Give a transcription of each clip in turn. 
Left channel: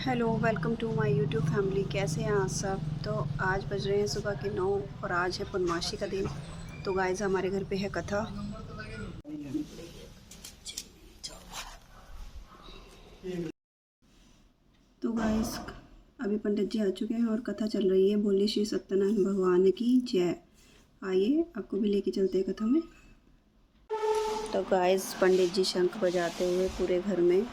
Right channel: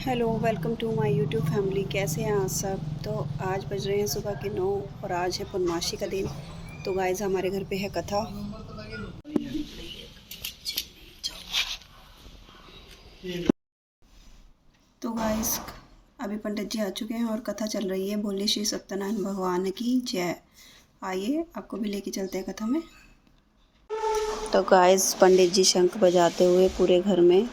Hello, welcome to my YouTube family. कैसे हैं आप सब। तो आज बज रहे हैं सुबह के 9 और आज है पूर्णमासी का दिन। तो गाइस हमारे घर पे है कथा। तो गाइस अभी पंडित जी आ चुके हैं और कथा चल रही है। बोले श्री सत्यनारायण भगवान की जय। आइए आपको भी लेके चलते हैं कथा में। तो गाइस पंडित जी शंख बजाते हुए पूरे घर में,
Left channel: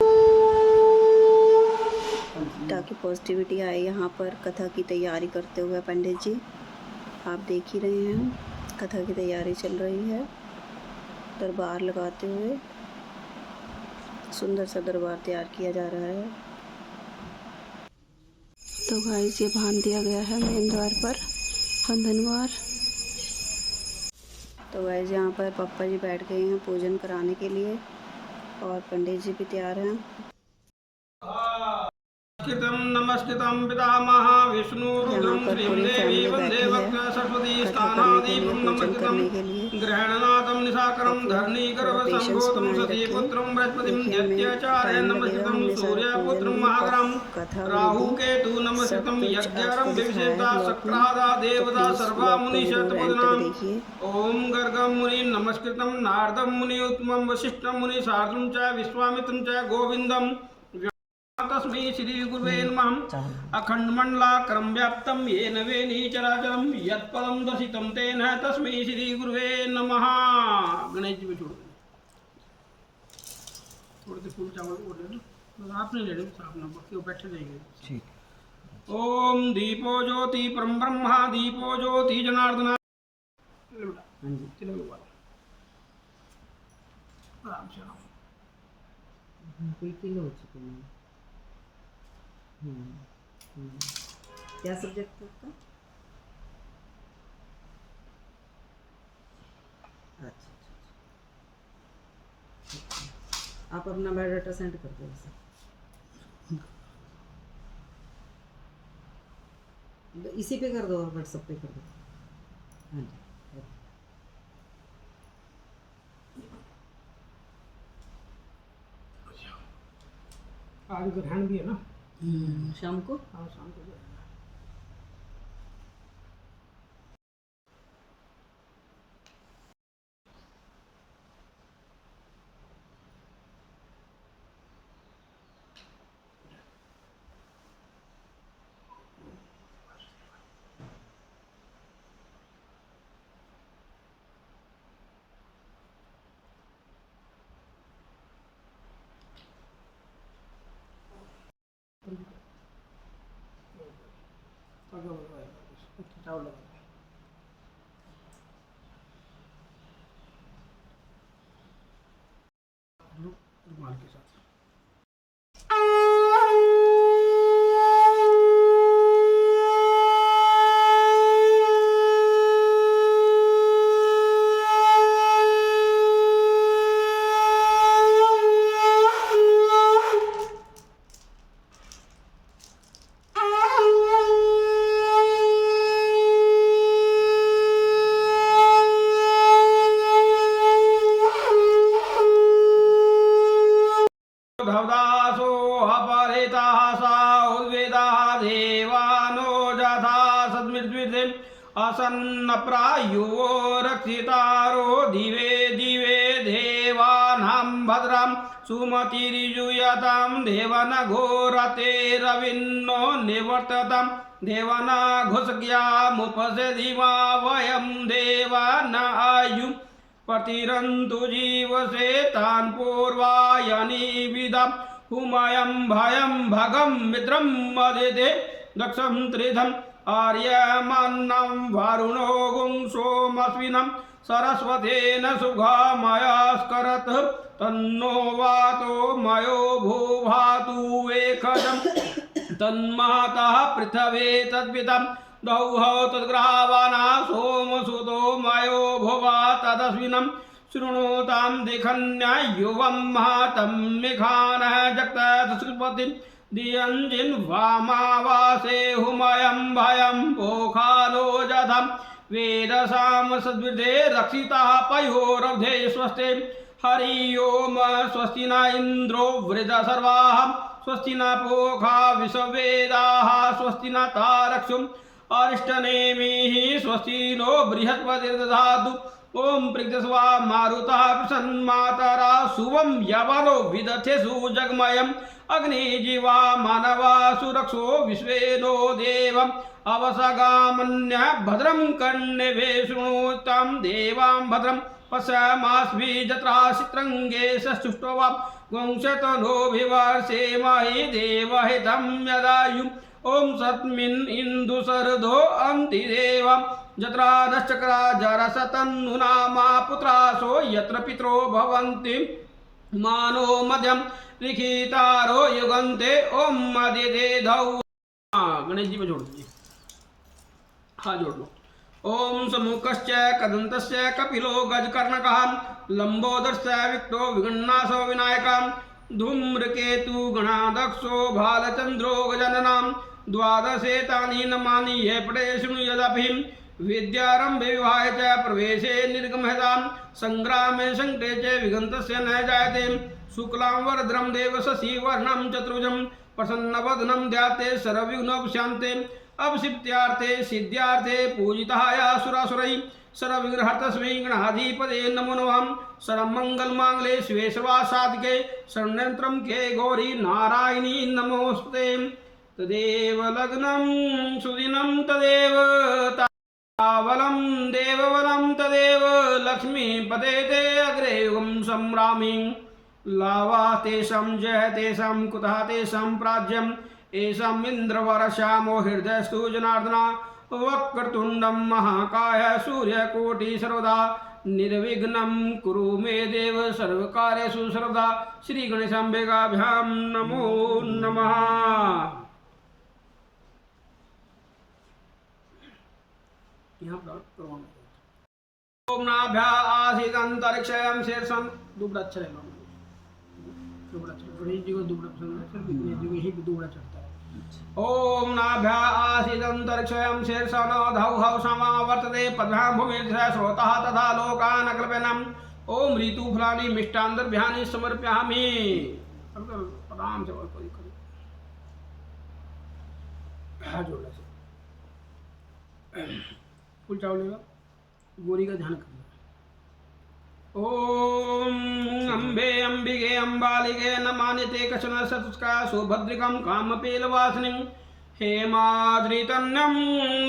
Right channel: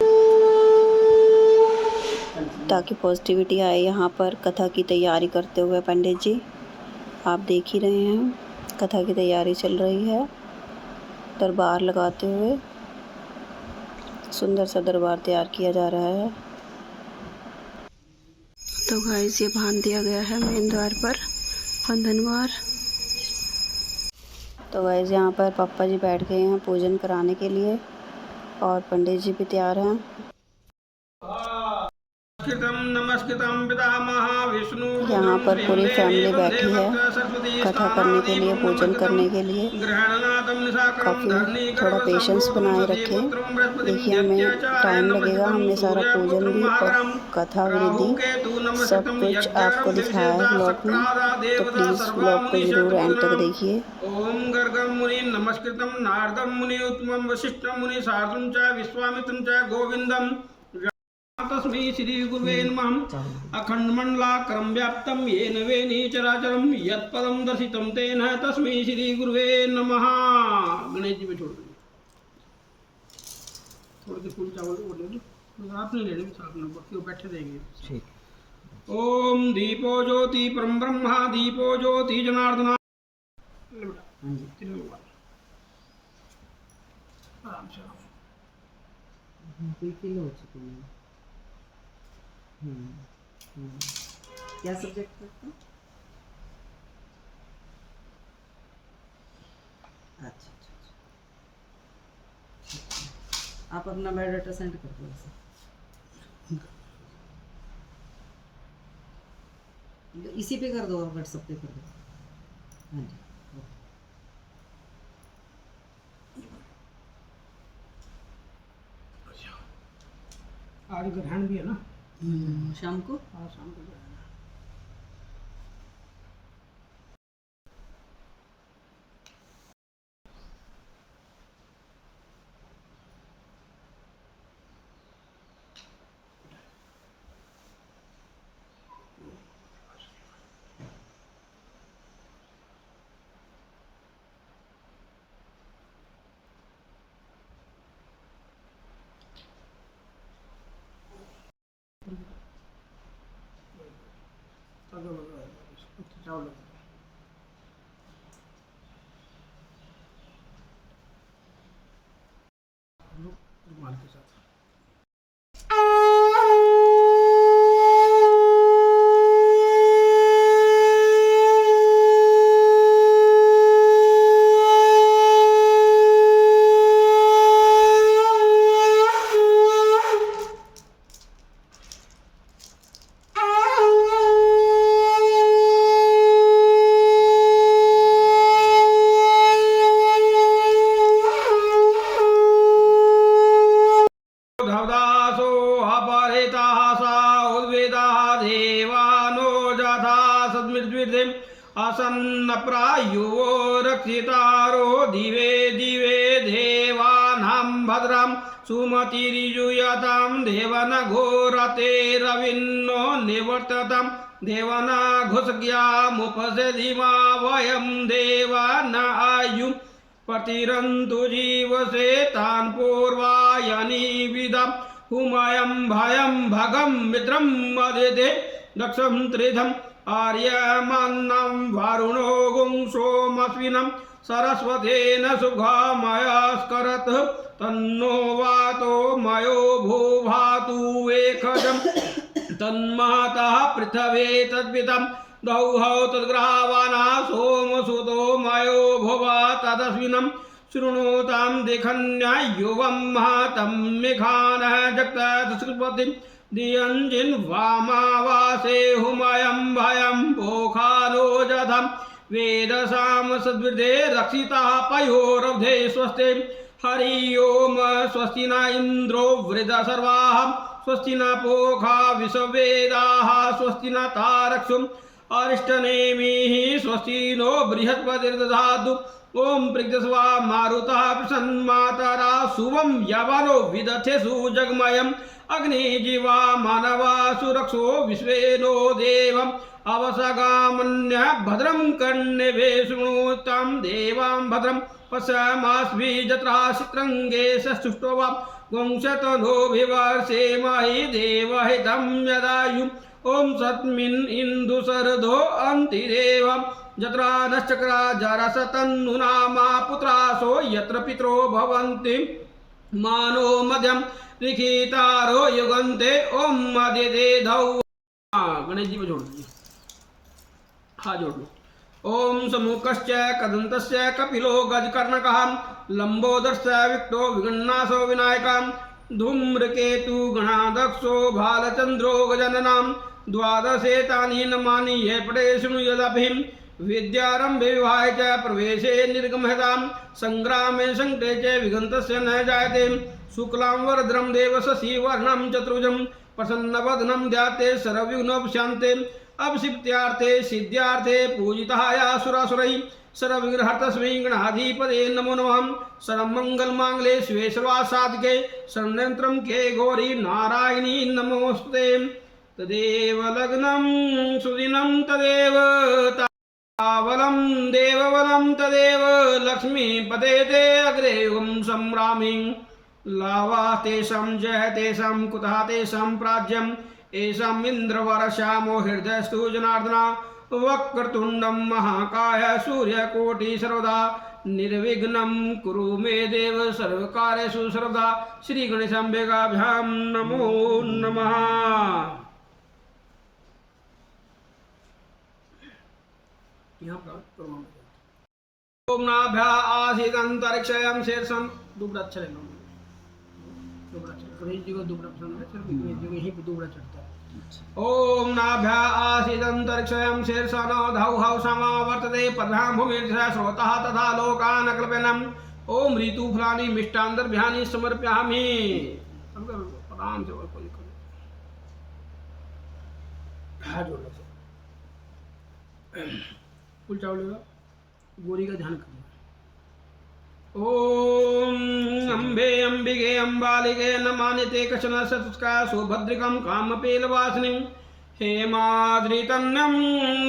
ताकि पॉजिटिविटी आए। यहाँ पर कथा की तैयारी करते हुए पंडित जी, आप देख ही रहे हैं कथा की तैयारी चल रही है। दरबार लगाते हुए सुंदर सा दरबार तैयार किया जा रहा है। तो गाइस ये बांध दिया गया है मेन द्वार पर बंधनवार। तो गाइस यहाँ पर पापा जी बैठ गए हैं पूजन कराने के लिए और पंडित जी भी तैयार हैं। यहाँ पर पूरी फैमिली बैठी है कथा करने के लिए, पूजन करने के लिए। काफ़ी थोड़ा पेशेंस बनाए रखें। देखिए हमें टाइम लगेगा, हमने सारा पूजन भी और कथा विधि सब कुछ आपको दिखाया है ब्लॉग में। तो प्लीज़ ब्लॉग को ज़रूर एंड तक देखिए। ओम गर्गम मुनि नमस्कृतम नारदम मुनि उत्तमम वशिष्ठम मुनि सार्धम च विश्वामित्रम च गोविंदम तस्मै श्री गुरुवे नमः। अखंडमंडलाकारं व्याप्तं येन वेनि चराचरं यत्पदं दर्शितं तेन तस्मै श्री गुरुवे नमः। गणेश जी में छोड़ दो, थोड़े से फूल चावल और ले लो, आप नहीं ले लो, आप ना क्यों बैठे रहेंगे। ठीक। ओम दीपो ज्योति परम ब्रह्मा दीपो ज्योति जनार्दना। हाँ जी तिलक आराम से हो चुके हैं। क्या सब्जेक्ट है आपका? अच्छा अच्छा अच्छा, आप अपना बायोडाटा सेंड कर दो ऐसे। इसी पे कर दो, व्हाट्सएप पे कर दो। हाँ जी आज ग्रहण भी है ना। शाम को। हाँ शाम को ग्रहण है। चावल लगा रुमाल के साथ। धवदासो अपहृताः सा उद्वेदाः देवानो जथा सद्मृद्विर्देम् असन्नप्रायो रक्षितारो दिवे दिवे देवानां भद्रां सुमतिर्यूयतां देवनघोरतेरविन्नो निवर्ततां देवनघुसज्ञामुपसदिमा वयं देवान आयुः प्रतिरन्तु जीवसे तान् पूर्वायनिविदं हुमयं भयं भगं मित्रं मदिते दक्षं त्रिधम् आर्यमन्नं वरुणो गुंसोमस्विनं सरस्वतेन सुगामयस्करत् तन्नो वातो मयो भूभातु वेखजं तन्महतः पृथवे तद्वितं दौहौ तद्ग्रहावाना सोमसुतो मयो भुवा तदस्विनं शृणोतां दिखन्यायुवं महतं मेघानः जगतस्पतिं दियञ्जिन् वामावासे हुमयं भयं पोखानो जधं वेदसाम सद्विदे रक्षिताः पयोरब्धे स्वस्ते हरि ओम स्वस्ति न इन्द्रो वृद सर्वाः स्वस्ति न पूषा विश्ववेदाः स्वस्ति न तारक्षो अरिष्टनेमिः स्वस्ति नो बृहस्पतिर्दधातु ओम प्रज्ञस्वा मारुतः प्रसन्मातरा शुभं यवनो विदथेषु जगमयम् अग्निजीवा मानवा सुरक्षो विश्वेनो देवम् अवसगामन्य भद्रं कर्णेभे शृणुतां देवां भद्रं पश्यामास्मि जत्रा चित्रंगे सष्टुष्टवा वंशतनो विवर्षेमहि देवहितं यदायु ओम सत्मिन् इंदु सरधो अंतिदेवं जत्रा नश्चक्रा जरसतन्नुनामा पुत्रासो यत्र पित्रो भवन्ति मानो मध्यम लिखितारो युगन्ते ओम मदिदे धौ। गणेश जी में जोड़ दीजिए, हाँ जोड़ लो। ओम समुखश्च कदन्तस्य कपिलो गजकर्णकः लंबोदरस्य विक्तो विगणनासो विनायकः धूम्रकेतु गणाध्यक्षो भालचंद्रो गजाननम् द्वादशेतानि नमानि ये पठे शृणु यदपि विद्यारंभे विवाहे च प्रवेशे निर्गमहतां संग्रामे संकटे च विघ्नस्य न जायते शुक्लां वरद्रं देव शशिवर्णं चतुर्भुजं प्रसन्नवदनं ध्याते सर्वविघ्नोपशान्ते अवसिद्ध्यार्थे सिद्ध्यार्थे पूजिताय सुरासुरैः सर्वविघ्नहर्तस्मै गणाधिपते नमो नमः। सर्वमङ्गलमाङ्गल्ये शिवे सर्वासाधिके शरण्यं के गौरी नारायणी नमोस्तुते। तदेव लग्नं सुदिनं तदेव तावलं देवबलं तदेव लक्ष्मीपते ते अग्रे युगं संभ्रामि लावा तेषां जय तेषां कुतः तेषां प्राज्यम् एषाम् इन्द्रवरश्यामो हृदयस्तु जनार्दना वक्रतुण्डं महाकाय सूर्यकोटि सर्वदा निर्विघ्नं कुरु मे देव सर्वकार्येषु सर्वदा। श्री गणेशाम्बिकाभ्यां नमो नमः। ओम नाभ्या आसीदंतरिक्षयं शीर्षं दुबड़ा चले दुबड़ा गणेश जी को दुबड़ा पसंद है, सिर्फ गणेश जी को ही दुबड़ा चढ़ता है। ओम नाभ्या आसीदंतरिक्षयं शीर्षं धौ हौ समा वर्तते पद्भ्यां भूमिर्धः श्रोतः तथा लोकान् अकल्पयन् ओम ऋतुफलानि मिष्टान्दर्भ्यानि समर्पयामि। प्रणाम से और कोई करो जोड़ से फुल चावलेगा गोरी का ध्यान करना। ओम अंबे अंबिके अंबालिके नमानिते कशन सतुष्का सुभद्रिकं कामपेलवासिनीं हेमाद्रितन्यं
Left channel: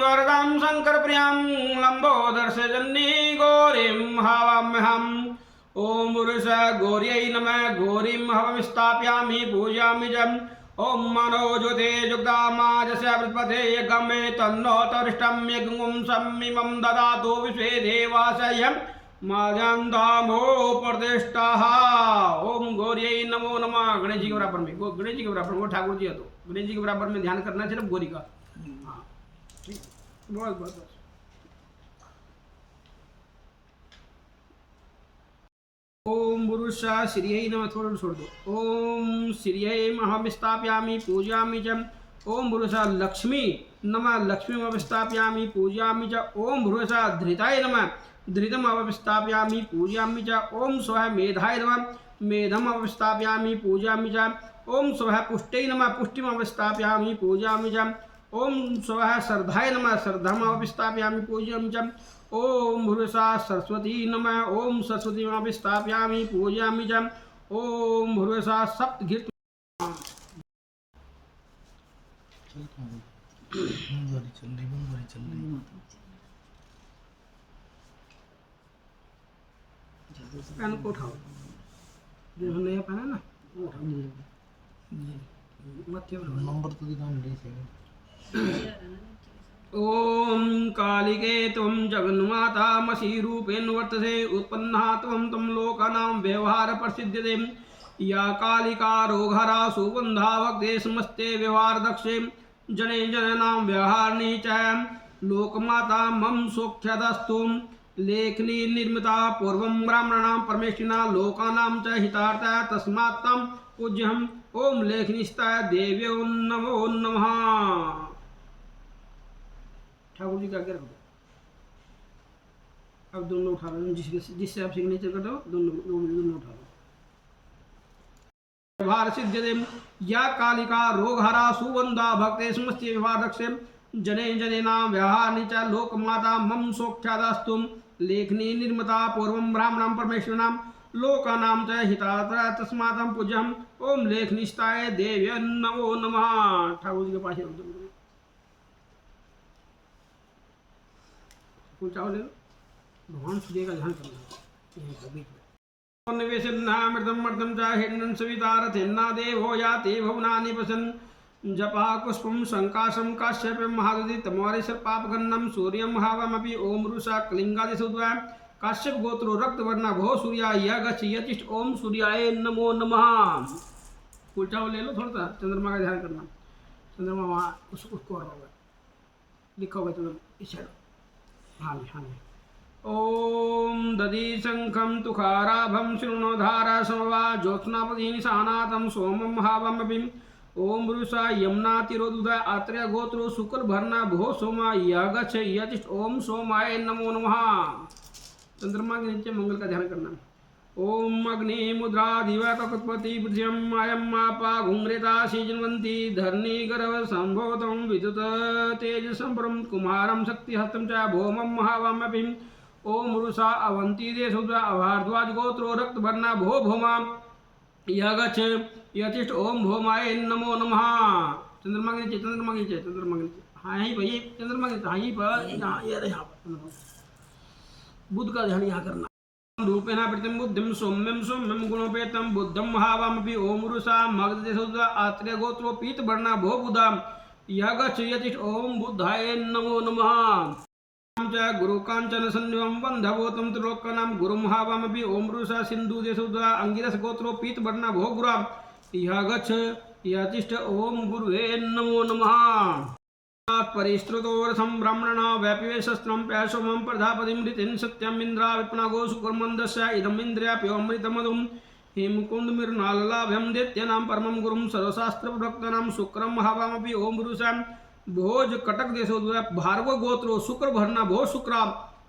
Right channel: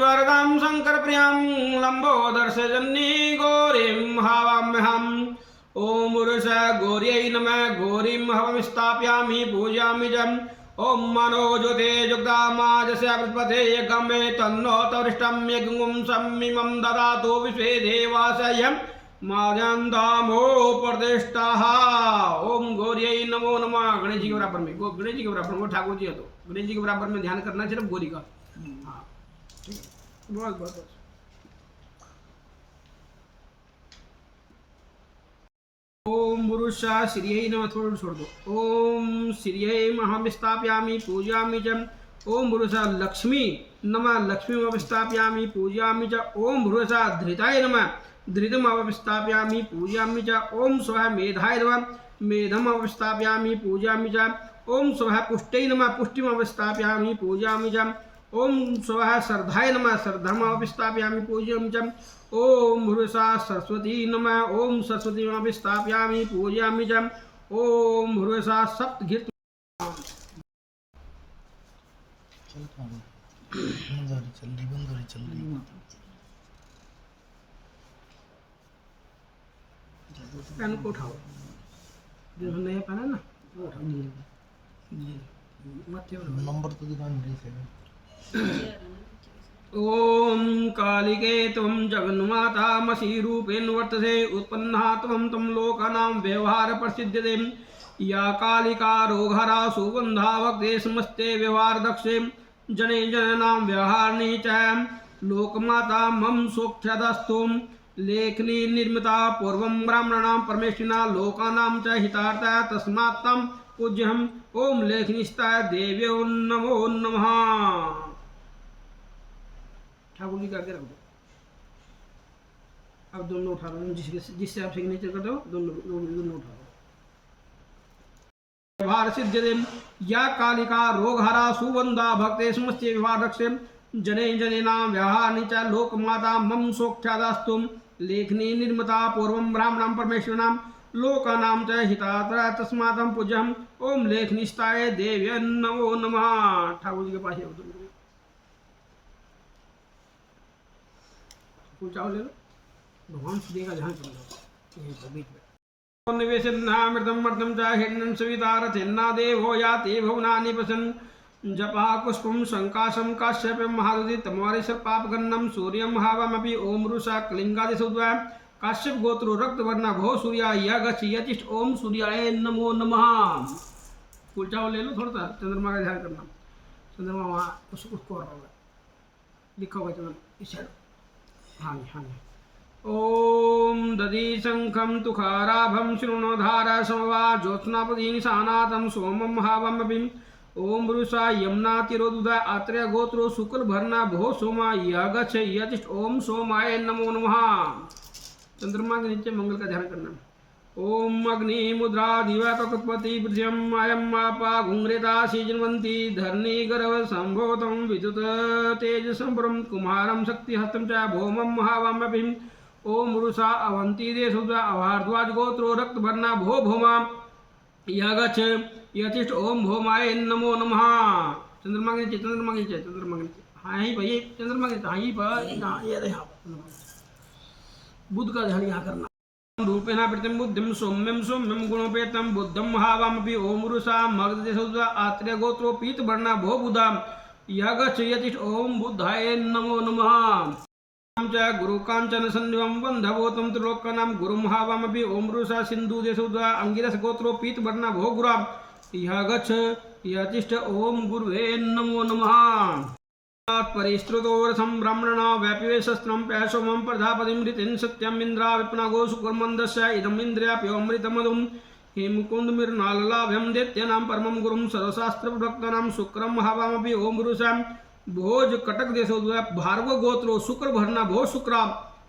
वरदां शंकरप्रियां लंबोदर्शजन्नी गौरीं हवाम्यहम्। ओम उरुषा गौर्यै नमः गौरीं हवमिस्थापयामि पूजयामि च। ओम मनोज्योते जुग्धामाजस्य बृहस्पते यज्ञमे तन्नो तरिष्टं यज्ञं सम्मिमं ददातु विश्वे देवासह्यं माजन्दामो प्रतिष्ठाः। ओम गौर्यै नमो नमः। गणेश जी के बराबर में गणेश जी के बराबर में ठाकुर जी है तो गणेश जी के बराबर में ध्यान करना सिर्फ गौरी का। हाँ ठीक है, बस ओम पुरुषा श्रियै नमः। थोड़ा छोड़ दो। ओम श्रियै महं स्थापयामि पूजयामि च। ओम पुरुषा लक्ष्मी नमः लक्ष्मीं स्थापयामि पूजयामि च। ओम पुरुषा धृताय नमः धृतम् स्थापयामि पूजयामि च। ओम स्वः मेधाय नमः मेधम् स्थापयामि पूजयामि च। ओम स्वः पुष्टै नमः पुष्टिम् स्थापयामि पूजयामि च। ओम स्वः श्रद्धाय नमः श्रद्धम् स्थापयामि पूजयामि च। ओम भूषा सरस्वती नमः ओम सरस्वती स्थापयामि पूजयामि च। ओम भूषा सप्तघृत पेन को उठाओ जो नया पेन है ना वो उठाओ नंबर तो दिखा। ओम कालिके त्वं जगन्मातामसि रूपेण वर्तसे उत्पन्ना त्वं तं लोकानां व्यवहार प्रसिद्ध्यते या कालिका रोगहरा सुगन्धा वक्ते समस्ते व्यवहार दक्षे जने जनानां व्यवहारिणी च लोकमाता मम सोक्षदस्तु लेखनी निर्मिता पूर्वं ब्राह्मणानां परमेष्ठिना लोकानां च हितार्थाय तस्मात् तं पूज्यहम्। ओम लेखनिस्ताय देव्यो नमो नमः। ठाकुर जी का आगे रख दो। अब दोनों उठा लो जिससे आप सिग्नेचर कर दो दोनों उठा लो। व्यवहार सिद्ध्यते या कालिका रोगहरा सुवंदा भक्ते समस्ते व्यवहार रक्षे जने जनेना व्यवहारनि च लोकमाता मम सोख्यादास्तु लेखनी निर्मता पूर्वं ब्राह्मणं परमेश्वराणां लोकानां च हितात्रा तस्मात् पूज्यम् ओम लेखनिष्ठाय देव्य नमो नमः। ठाकुर जी के पास पूछाओ ले भगवान से देगा ध्यान करना निवेशनामृतम मर्दम च हिरण्यं सवितारथेन्ना देवो याति भुवनानि पश्यन् जपा पुष्पम शंकाशम काश्यपम महादुति तमोरि सर्पापगन्नम सूर्यम महावमपि ओम रुषा कलिंगादिसुद्वा काश्यप गोत्रो रक्तवर्णा भो सूर्या यगच्छ यतिष्ठ ओम सूर्याय नमो नमः। उल्टा ले लो थोड़ा सा, चंद्रमा का ध्यान करना। चंद्रमा वहाँ उसको होगा लिखा होगा चंद्रमा इस साइड। हाँ हाँ ओम दधि शंखम तुखाराभम शृणोधारा समवा ज्योत्स्नापति निशानातम सोमम महावमपि ओम रुषा यमुना तिरोदुदा आत्रेय गोत्रो शुक्ल भरना भो सोमा यगच्छ यतिष्ठ ओम सोमाय नमो नमः। चंद्रमा के नीचे मंगल का ध्यान करना। ओम अग्नि मुद्रा दिवा ककुत्पति पृथ्व्यम अयम आपा घुंग्रेता सीजन्वंती धरणी गर्भ संभोतम विद्युत तेज संपरम कुमारम शक्ति हस्तम च भौमम महावामपि ओम रुषा अवंती देशुद्रा अभारद्वाज गोत्रो रक्त भरना भो भौमा यगच्छ यतिष्ठ ओम भौमाय नमो नमः। चंद्रमा के नीचे चंद्रमा के नीचे चंद्रमा के नीचे हाँ यहीं भैया चंद्रमा के नीचे हाँ यहीं पर यहाँ पर बुद्ध का ध्यान यहाँ करना। रूपेण प्रतिम बुद्धिम सौम्यम सौम्यम गुणोपेतम बुद्धम महावामपि ओम रुषा मगधदेशोद्रा आत्रेय गोत्रो पीत वर्णा भो बुधा यगच्छ यतिष्ठ ओम बुद्धाय नमो नमः। च गुरु कांचन संनिवम बंधवोतम त्रिलोकानां गुरु महावामपि ओम रुषा सिंधु देशोद्रा अंगिरस गोत्रो पीत वर्णा भो गुरा यगच्छ यतिष्ठ ओम गुरुवे नमो नमः। परिश्रुतोरथं ब्राह्मणा व्यापिवे शस्त्रं प्यासोमं प्रजापतिं ऋतिं सत्यम् इन्द्रा विप्नागो सुकुर्मन्दस्य इदम् इन्द्रियाप्योऽमृतमधुं हेमकुन्दमिर्नाललाभ्यं दैत्यानां परमं गुरुं सर्वशास्त्रप्रवक्तानां शुक्रं महावामपि ओम रुषा भोज कटक देशोद्वय भार्गव गोत्रो शुक्र भरना भो शुक्रा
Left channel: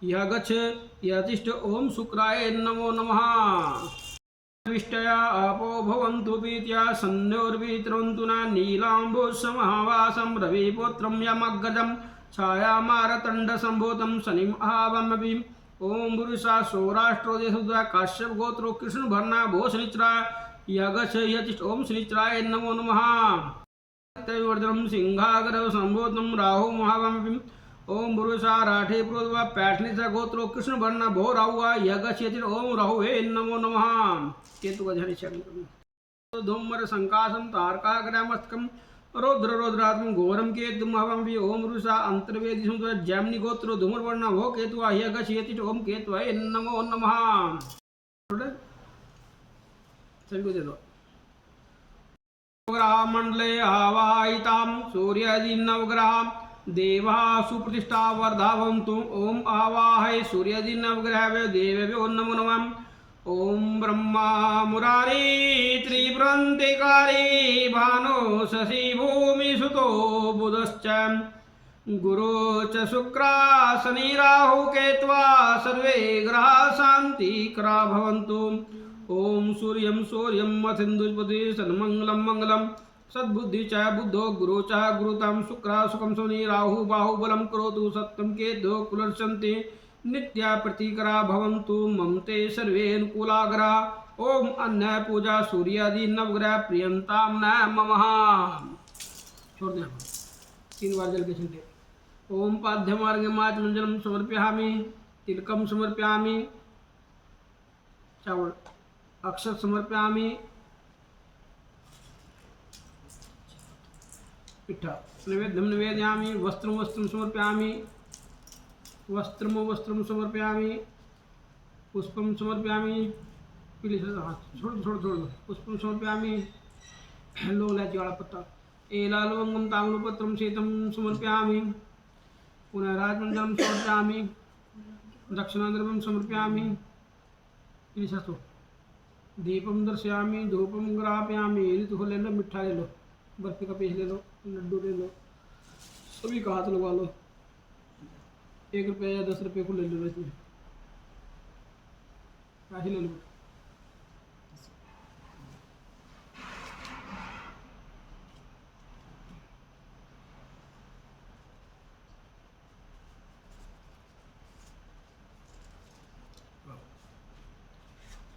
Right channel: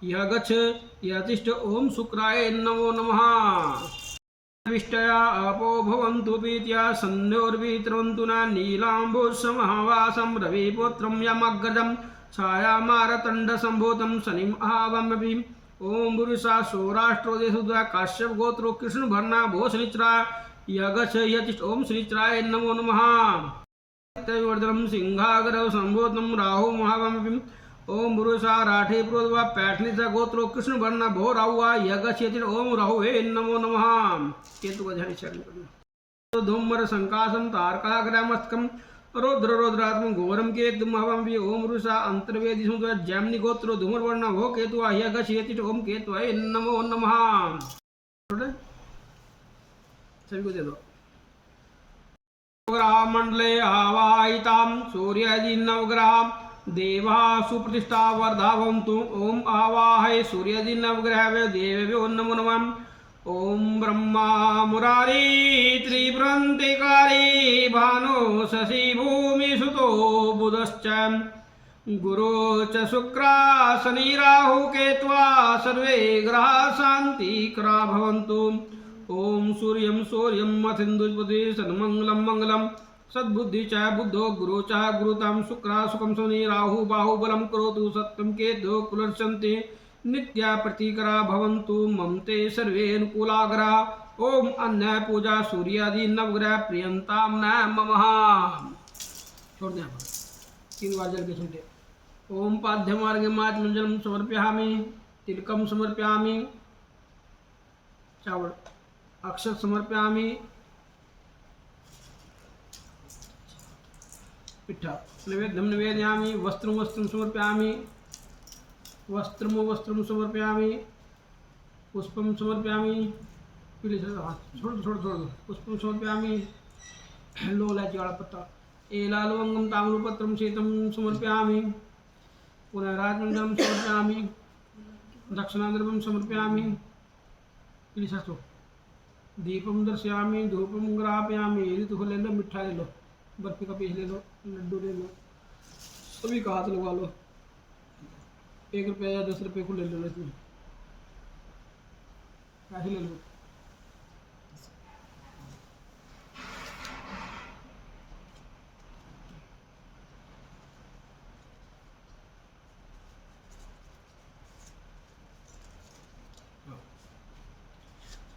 यगच्छ यतिष्ठ ओम शुक्राय नमो नमः। विष्टया आपो भवन्तु पीत्या सन्योर्वित्रवन्तु न नीलाम्बुसमहावासं रविपुत्रं यमग्रजं छायामारतण्डसम्भूतं शनिम् आवामपि ओम पुरुषा सौराष्ट्रो देशोद्वय काश्यप गोत्रो कृष्ण भरना भो शनिच्रा यगच्छ यतिष्ठ ओम शनिच्राय नमो नमः। त्रैवर्धनम सिंहाग्रह संभूतम राहु महावामपि ओम पुरुषा राठे प्रोद्वा पैठनीसा गोत्रो कृष्ण भरना भो राहुआ यगच्छ यतिष्ठ ओम राहुवे नमो नमः। केतु का ध्यान चरण करना। धूमर संकाशम तारकाग्रामस्तकम रौद्र रौद्रात्म घोरम केतु महावामपि ओम पुरुषा अंतर्वेदी सुंदर जैमिनी गोत्रो धूमर भरना भो केतु यगच्छ यतिष्ठ ओम केतुवाय नमो नमः। सभी को दे दो। मंडले आवाहितां सूर्यादि नवग्रह देवा सुप्रतिष्ठा वर्धावन्तु ओम आवाहय सूर्यादि नवग्रह देवेभ्यो नमो नमः। ओम ब्रह्मा मुरारी त्रिपुरन्तिकारी भानो शशि भूमि सुतो बुधश्च गुरु च शुक्रा शनि राहु केत्वा सर्वे ग्रहा शान्तिकरा भवन्तु। ओम सूर्यं सूर्यं मथिन्दुपति सन्मंगलं मंगलम सद्बुद्धि च बुद्धो गुरु च गुरुतम शुक्रा सुखम शनि राहु बाहुबलं करोतु सत्यं केतु कुलर्षन्ति नित्या प्रतिकरा भवन्तु ममते सर्वे अनुकूलाग्रा। ओम अन्य पूजा सूर्यादि नवग्रह प्रियंतां न ममः। छोड़ दे 3 बार जल के छींटे। ओम पाद्यमार्गमाचमंजलम समर्पयामि तिलकम समर्पयामि चावल अक्षत समर्पयामि पिठा नैवेद्यं निवेदयामि वस्त्रं वस्त्रं समर्पयामि वस्त्रं समर्पयामि पुष्पं समर्पयामि पीले छोड़ दो पुष्पं समर्पयामि लोलाची वाला पत्ता एलालवंगम ताम्रपत्रं शीतं समर्पयामि पुनः राजमंडलं समर्पयामि दक्षिणाद्रव्यं समर्पयामि पीले दीपम दर्शयामि धूपम ग्रापयामि। ऋतु ले लो मिठा ले लो बर्फी का पीस ले लो लड्डू ले लो सभी का हाथ लगा लो 1 रुपये या 10 रुपये को ले लो इसमें पैसे ले लो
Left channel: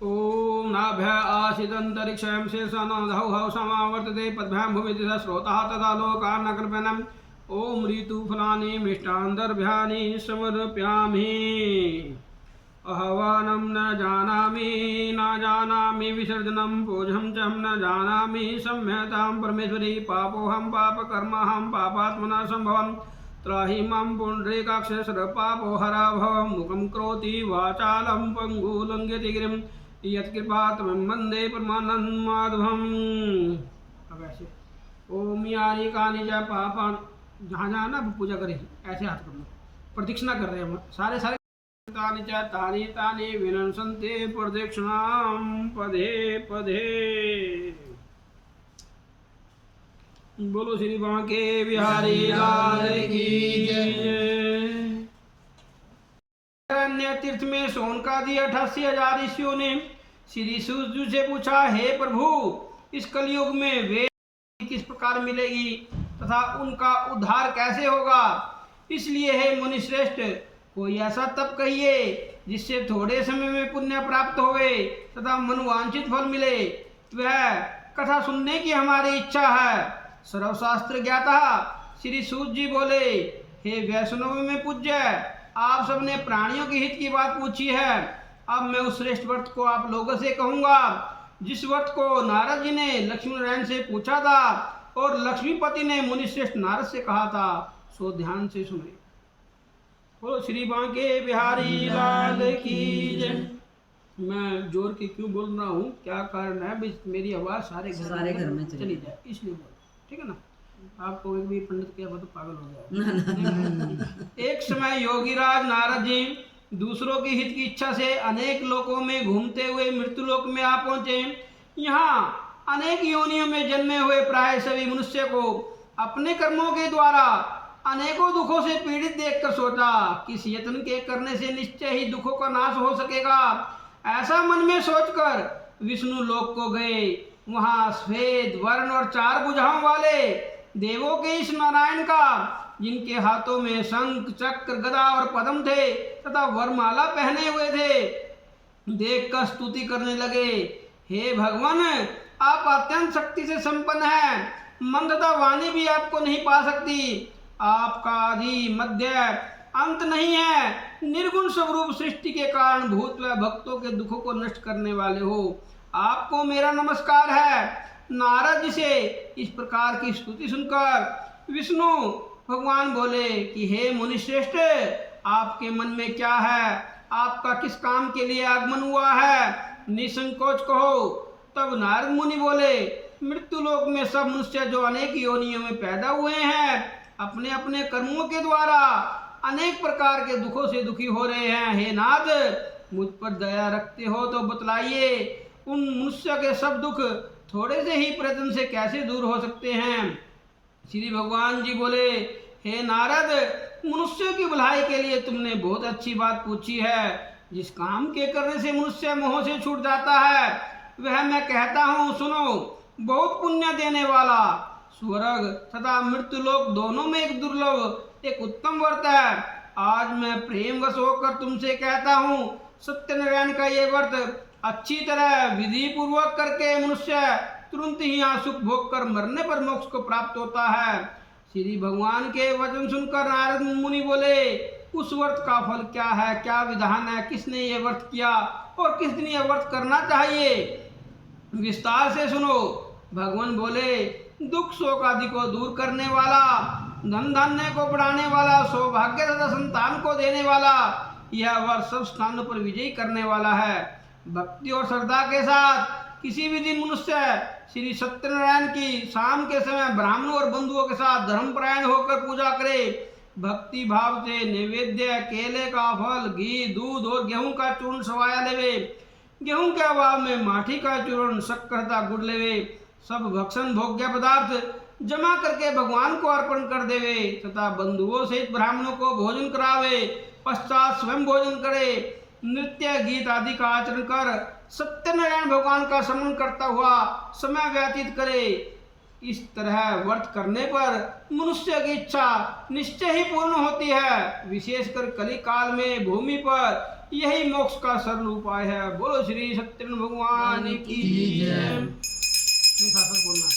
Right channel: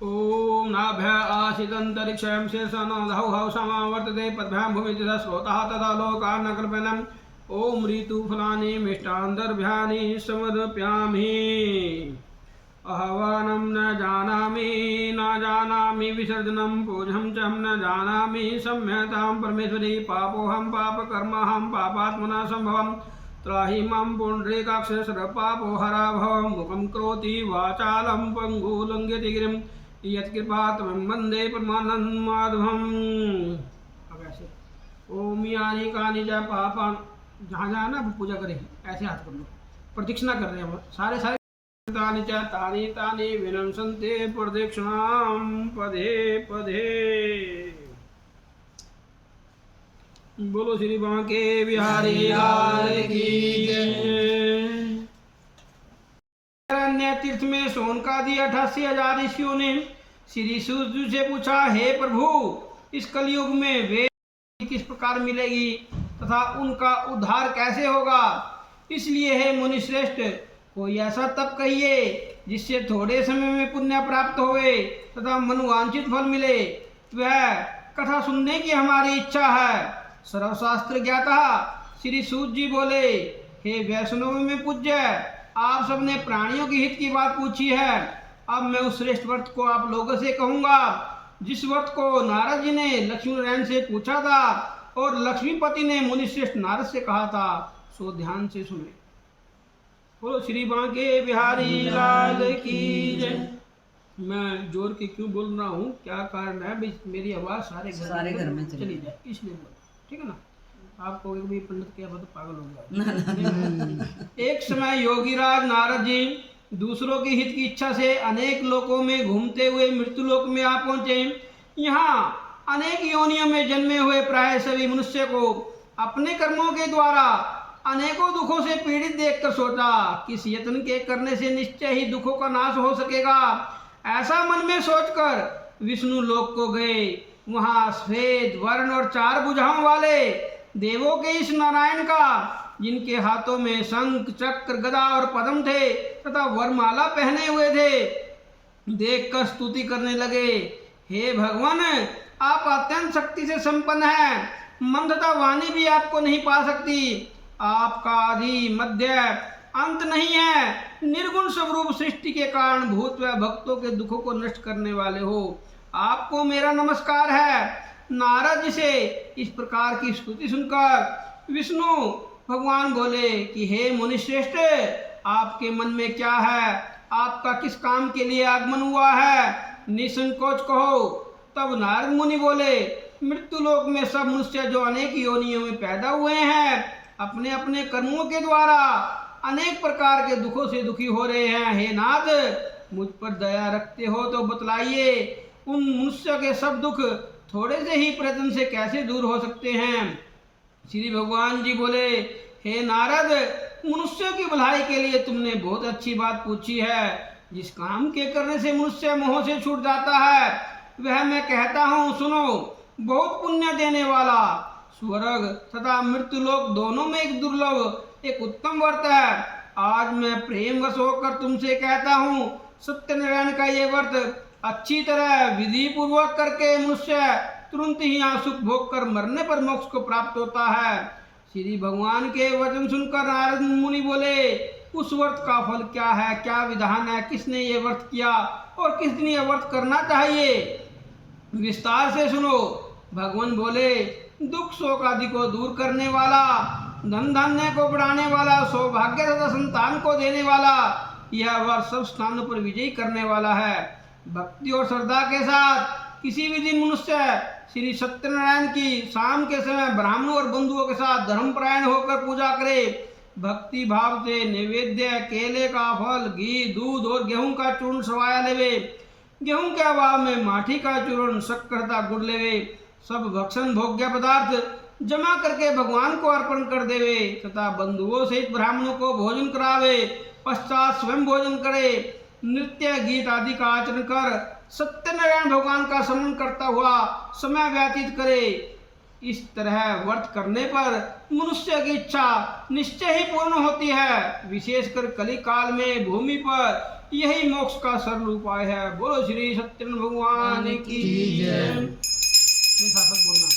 ओम नाभ्य आशिदंतरिक्षं शेषनादौ हौ समावर्तते पद्भ्यां भूमितिः स्रोतः तथा लोकान्नकल्पनम् ओम ऋतुफलानि मिष्टान्तर्भ्यानि समर्पयामि आह्वानं न जानामि विसर्जनं पूजं च न जानामि सम्यतां परमेश्वरी पापोऽहं पापकर्माहं पापात्मना सम्भवं त्राहि मां पुण्डरीकाक्ष सर्वपापोहरा भव मुखं करोति वाचालं पङ्गुलङ्घयति गिरिं यत्कृपातमं वन्दे परमानन्दं माधवम्। अब ऐसे ओम यानि कानि च पापानि जहाँ जहाँ ना पूजा करें ऐसे हाथ कर लो, प्रदक्षिणा कर रहे हैं हम सारे तानि च तानि तानि विनश्यन्ते प्रदक्षिणां पदे पदे। बोलो श्री बांके बिहारी लाल की जय। अन्य तीर्थ में सोनकादि 88,000 ऋषियों ने श्री सूर्य से पूछा, हे प्रभु इस कलयुग में वेद किस प्रकार मिलेगी तथा उनका उद्धार कैसे होगा, इसलिए हे मुनि श्रेष्ठ कोई ऐसा तप कहिए जिससे थोड़े समय में पुण्य प्राप्त होवे तथा मनोवांछित फल मिले। वह कथा सुनने की हमारी इच्छा है। सर्वशास्त्र ज्ञाता श्री सूत जी बोले, हे वैष्णव में पूज्य, आप सबने प्राणियों के हित की बात पूछी है। अब मैं उस श्रेष्ठ व्रत को आप लोगों से कहूंगा जिस व्रत को नारद जी ने लक्ष्मी नारायण से पूछा था और लक्ष्मीपति ने मुनि श्रेष्ठ नारद से कहा था, सो ध्यान से सुने। बोलो श्री बांके बिहारी लाल की जय। मैं जोर के क्यों बोल रहा हूँ, क्या कारण है, मेरी आवाज सारे घर में चली जाए इसलिए बोल, ठीक है ना। आपको एक भी पंडित किया तो पागल हो गया। एक समय योगीराज नारद जी दूसरों की हित की इच्छा से अनेक लोकों में घूमते हुए मृत्यु लोक में आ पहुंचे। यहाँ अनेक योनियों में जन्मे हुए प्राय सभी मनुष्य को अपने कर्मों के द्वारा अनेकों दुखों से पीड़ित देखकर सोचा कि इस यत्न के करने से निश्चय ही दुखों का नाश हो सकेगा। ऐसा मन में सोचकर विष्णु लोक को गए। वहाँ श्वेत वर्ण और 4 भुजाओं वाले देवों के इस नारायण का, जिनके हाथों में शंख चक्र गदा और पद्म थे तथा वरमाला पहने हुए थे, देखकर स्तुति करने लगे। हे भगवान, आप अत्यंत शक्ति से संपन्न हैं, मन तथा वाणी भी आपको नहीं पा सकती। आपका आदि मध्य अंत नहीं है। निर्गुण स्वरूप सृष्टि के कारण भूत व भक्तों के दुखों को नष्ट करने वाले हो, आपको मेरा नमस्कार है। नारद जी से इस प्रकार की स्तुति सुनकर विष्णु भगवान बोले कि हे मुनिश्रेष्ठ, आपके मन में क्या है, आपका किस काम के लिए आगमन हुआ है, निसंकोच कहो। तब नारद मुनि बोले, मृत्यु लोक में सब मनुष्य जो अनेक योनियों में पैदा हुए हैं, अपने अपने कर्मों के द्वारा अनेक प्रकार के दुखों से दुखी हो रहे हैं। हे नाथ, मुझ पर दया रखते हो तो बतलाइए, उन मनुष्य के सब दुख थोड़े से ही प्रयत्न से कैसे दूर हो सकते हैं। श्री भगवान जी बोले, हे नारद, मनुष्य की भलाई के लिए तुमने बहुत अच्छी बात पूछी है। जिस काम के करने से मनुष्य मोह से छूट जाता है वह मैं कहता हूँ, सुनो। बहुत पुण्य देने वाला स्वर्ग तथा मृत्यु लोक दोनों में एक दुर्लभ एक उत्तम व्रत है। आज मैं प्रेम वश होकर तुमसे कहता हूँ, सत्यनारायण का ये व्रत अच्छी तरह विधि पूर्वक करके मनुष्य तुरंत ही यहाँ सुख भोग कर मरने पर मोक्ष को प्राप्त होता है। श्री भगवान के वचन सुनकर नारद मुनि बोले, उस व्रत का फल क्या है, क्या विधान है, किसने ये व्रत किया और किस दिन ये व्रत करना चाहिए, विस्तार से सुनो। भगवान बोले, दुख शोक आदि को दूर करने वाला, धन धान्य को बढ़ाने वाला, सौभाग्य तथा संतान को देने वाला, यह व्रत सब स्थानों पर विजयी करने वाला है। भक्ति और श्रद्धा के साथ किसी भी दिन मनुष्य श्री सत्यनारायण की शाम के समय ब्राह्मणों और बंधुओं के साथ धर्मपरायण होकर पूजा करे। भक्ति भाव से नैवेद्य, केले का फल, घी, दूध और गेहूं का चूर्ण सवाया लेवे। गेहूं के अभाव में माठी का चूर्ण, शक्कर तथा गुड़ लेवे। सब भक्षण भोग्य पदार्थ जमा करके भगवान को अर्पण कर देवे तथा बंधुओं सहित ब्राह्मणों को भोजन करावे। पश्चात स्वयं भोजन करे। नृत्य गीत आदि का आचरण कर सत्यनारायण भगवान का स्मरण करता हुआ समय व्यतीत करे। इस तरह व्रत करने पर मनुष्य की इच्छा निश्चय ही पूर्ण होती है। विशेषकर कली काल में भूमि पर यही मोक्ष का सरल उपाय है। बोलो श्री सत्यनारायण भगवान की जय। शासक बोलना,